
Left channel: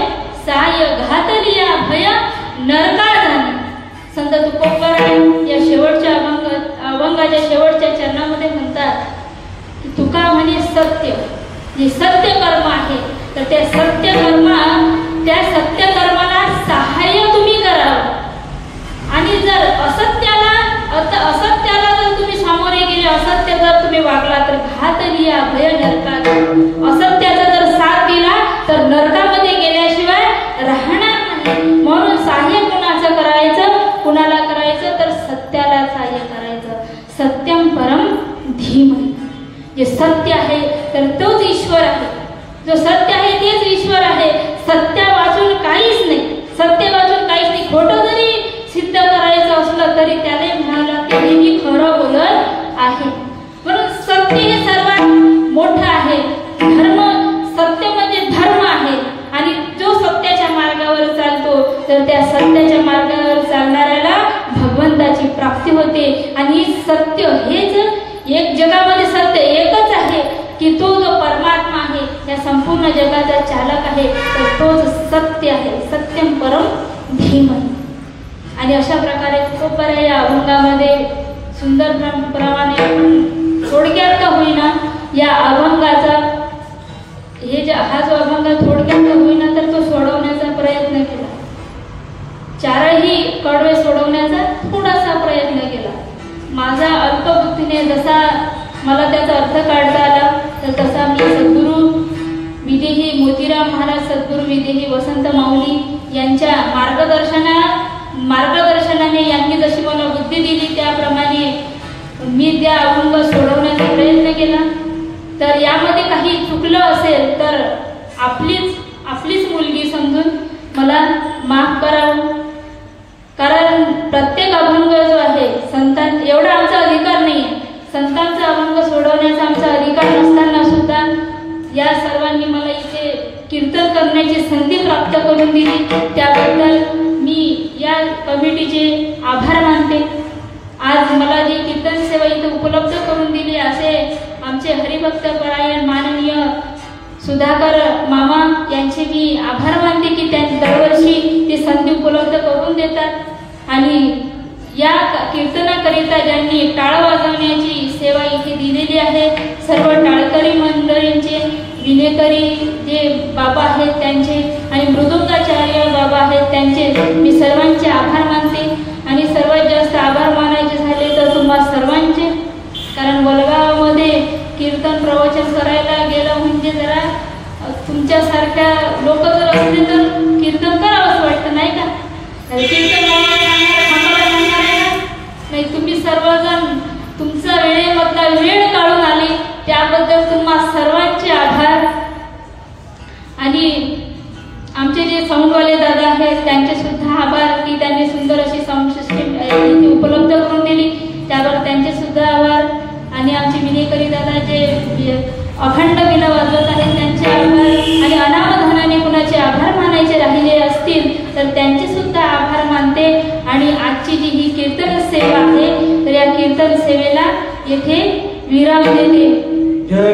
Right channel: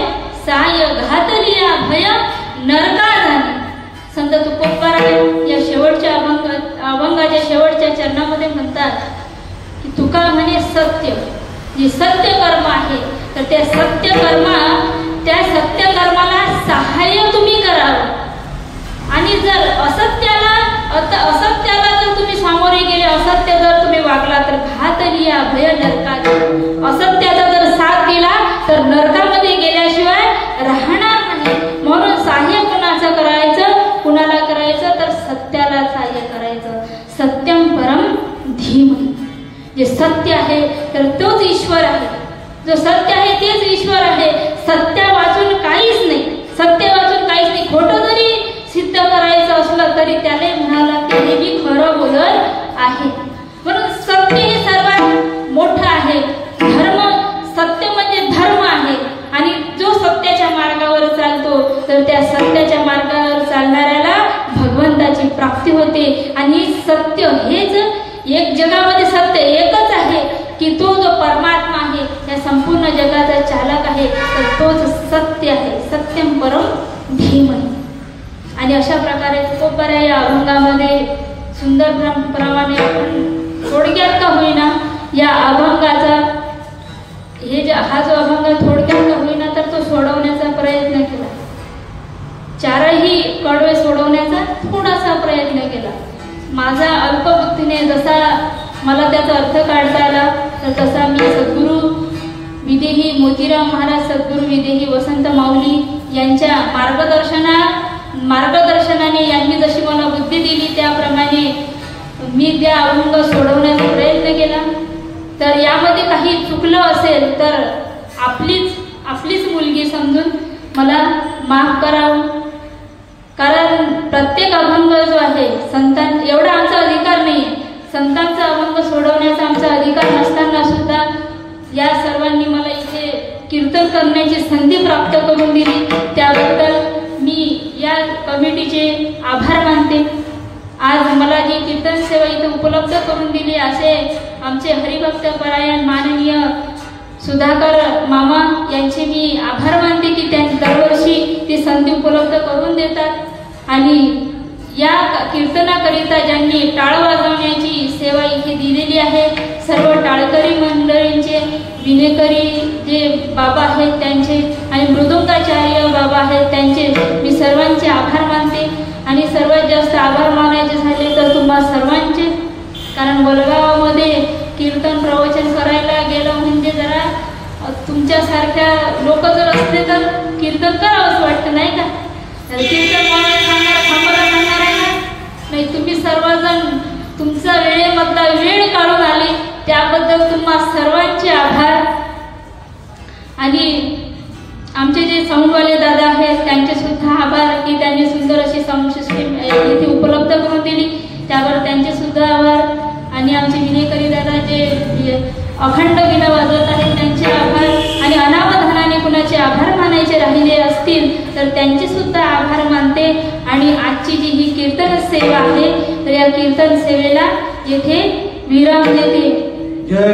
साय घातलिया भय नरका झाले. संत तुकोबाराय या शेवटच्या अभंगाच्या शेवटच्या चरणामध्ये म्हणतात की तुका म्हणे सत्य, जे सत्य कर्म आहे तर त्या सत्य कर्माला सहाय्य तुम्ही करावं. आणि जर असत्याला जर तुम्ही सामोरे गेले, असत्य जर तुम्ही वागला तर घातलिया भय नरका. असत्याचा जर साथ दिला तर नरकामध्ये गेल्याशिवाय राहणार नाही. म्हणून सहाय्य कुणाचं करायचं, कुणाला करायचं तर सत्याला सहाय्य करायचं. सत्यम परम धीमहि. जे सत्य आहे तर तोच ईश्वर आहे. जो सत्य आहे तेच ईश्वर आहे. सत्य वाचून काहीच नाही, सत्य वाचून काहीच नाही. खोटं जरी सिद्ध करायचं असलं तरी त्याला म्हणाला की हे मी खरं बोलत आहे. म्हणून सत्य हे सर्वात मोठं आहे. धर्म, सत्य म्हणजे धर्म आहे. आणि जो सत्याच्या मार्गावर चालतो तर त्या सत्याच्या मार्गावर चालणाऱ्याला भगवंताची प्राप्ती होते. आणि सत्य हेच एक, जगामध्ये सत्य एकच आहे की तो जो परमात्मा आहे, त्या संपूर्ण जगाचा चालक आहे, तर तोच सत्य आहे. सत्यम परम धीमहि. आणि अशा प्रकारे तुकोबाराय या अभंगामध्ये सुंदर प्रमाणे थोडक्यात का होईना या अभंगाचा हा जो अभंग थोडक्यात का होईना तर तो सोडवण्याचा प्रयत्न केला. चारही कडवे सोडवण्याचा थोडासा प्रयत्न केला. माझा अल्पबुद्धीने जसा मला त्याचा अर्थ काढता आला तर तसा मी सद्गुरू विदेही मोतीराम महाराज, सद्गुरू विदेही वसंत माऊली यांच्या मार्गदर्शनाने यांनी जशी मला बुद्धी दिली त्याप्रमाणे मी त्या अभंग सोडवण्याचा प्रयत्न केला. तर यामध्ये काही चुकलं असेल तर आपलीच मुलगी समजून मला माफ करावं. कारण प्रत्येक अभंग जो आहे संतांना एवढा आमचा अधिकार नाही. संतांचा अभंग सोडवण्याचा आमचा अधिकार नसताना सुद्धा या सर्वांनी मला इथे कीर्तन करण्याची संधी प्राप्त करून दिली, त्याबद्दल मी या कमिटीचे आभार मानते। आज मला जी कीर्तन सेवा इथे उपलब्ध करून दिली असे आमचे हरिभक्त परायण माननीय सुधाकर मामा यांचे मी आभार मानते की त्यांनी दरवर्षी ती संधी उपलब्ध करून देतात आणि या कीर्तनाकरिता ज्यांनी टाळ वाजवण्याची सेवा इथे दिलेली आहे सर्व टाळकरी मंडळींचे, विनेकरी जे बाबा आहेत त्यांचे आणि मृदुंगाचार्य बाबा आहेत त्यांचे मी सर्वांचे आभार मानते। आणि सर्वात जास्त आभार मानायचे झाले तर तुम्हा सर्वांचे, कारण वलगावामध्ये कीर्तन प्रवचन करायला गेलं म्हणजे जरा तुमच्यासारख्या लोक जर असले तर कीर्तन करावंच वाटतं नाही का? कीर्तन नाही, तुम्ही सर्वजण तुमचा वेळेमधला वेळ काढून आले त्याबद्दल तुम्हा सर्वांचे आभार। आणि आमचे जे साऊंडवाले दादा आहेत त्यांचे सुद्धा आभार की त्यांनी सुंदर अशी साऊंड सिस्टीम इथे उपलब्ध करून दिली, त्यावर त्यांचे सुद्धा आभार। आणि आमचे विनेकरी दादा जे अखंड विना वाजवत आहेत त्यांचे आभार, आणि अनावधानाने कुणाचे आभार मानायचे राहिले असतील तर त्यांचे सुद्धा आभार मानते। आणि आजची जी ही कीर्तन सेवा आहे तर या कीर्तन सेवेला येथे विराम देते। जय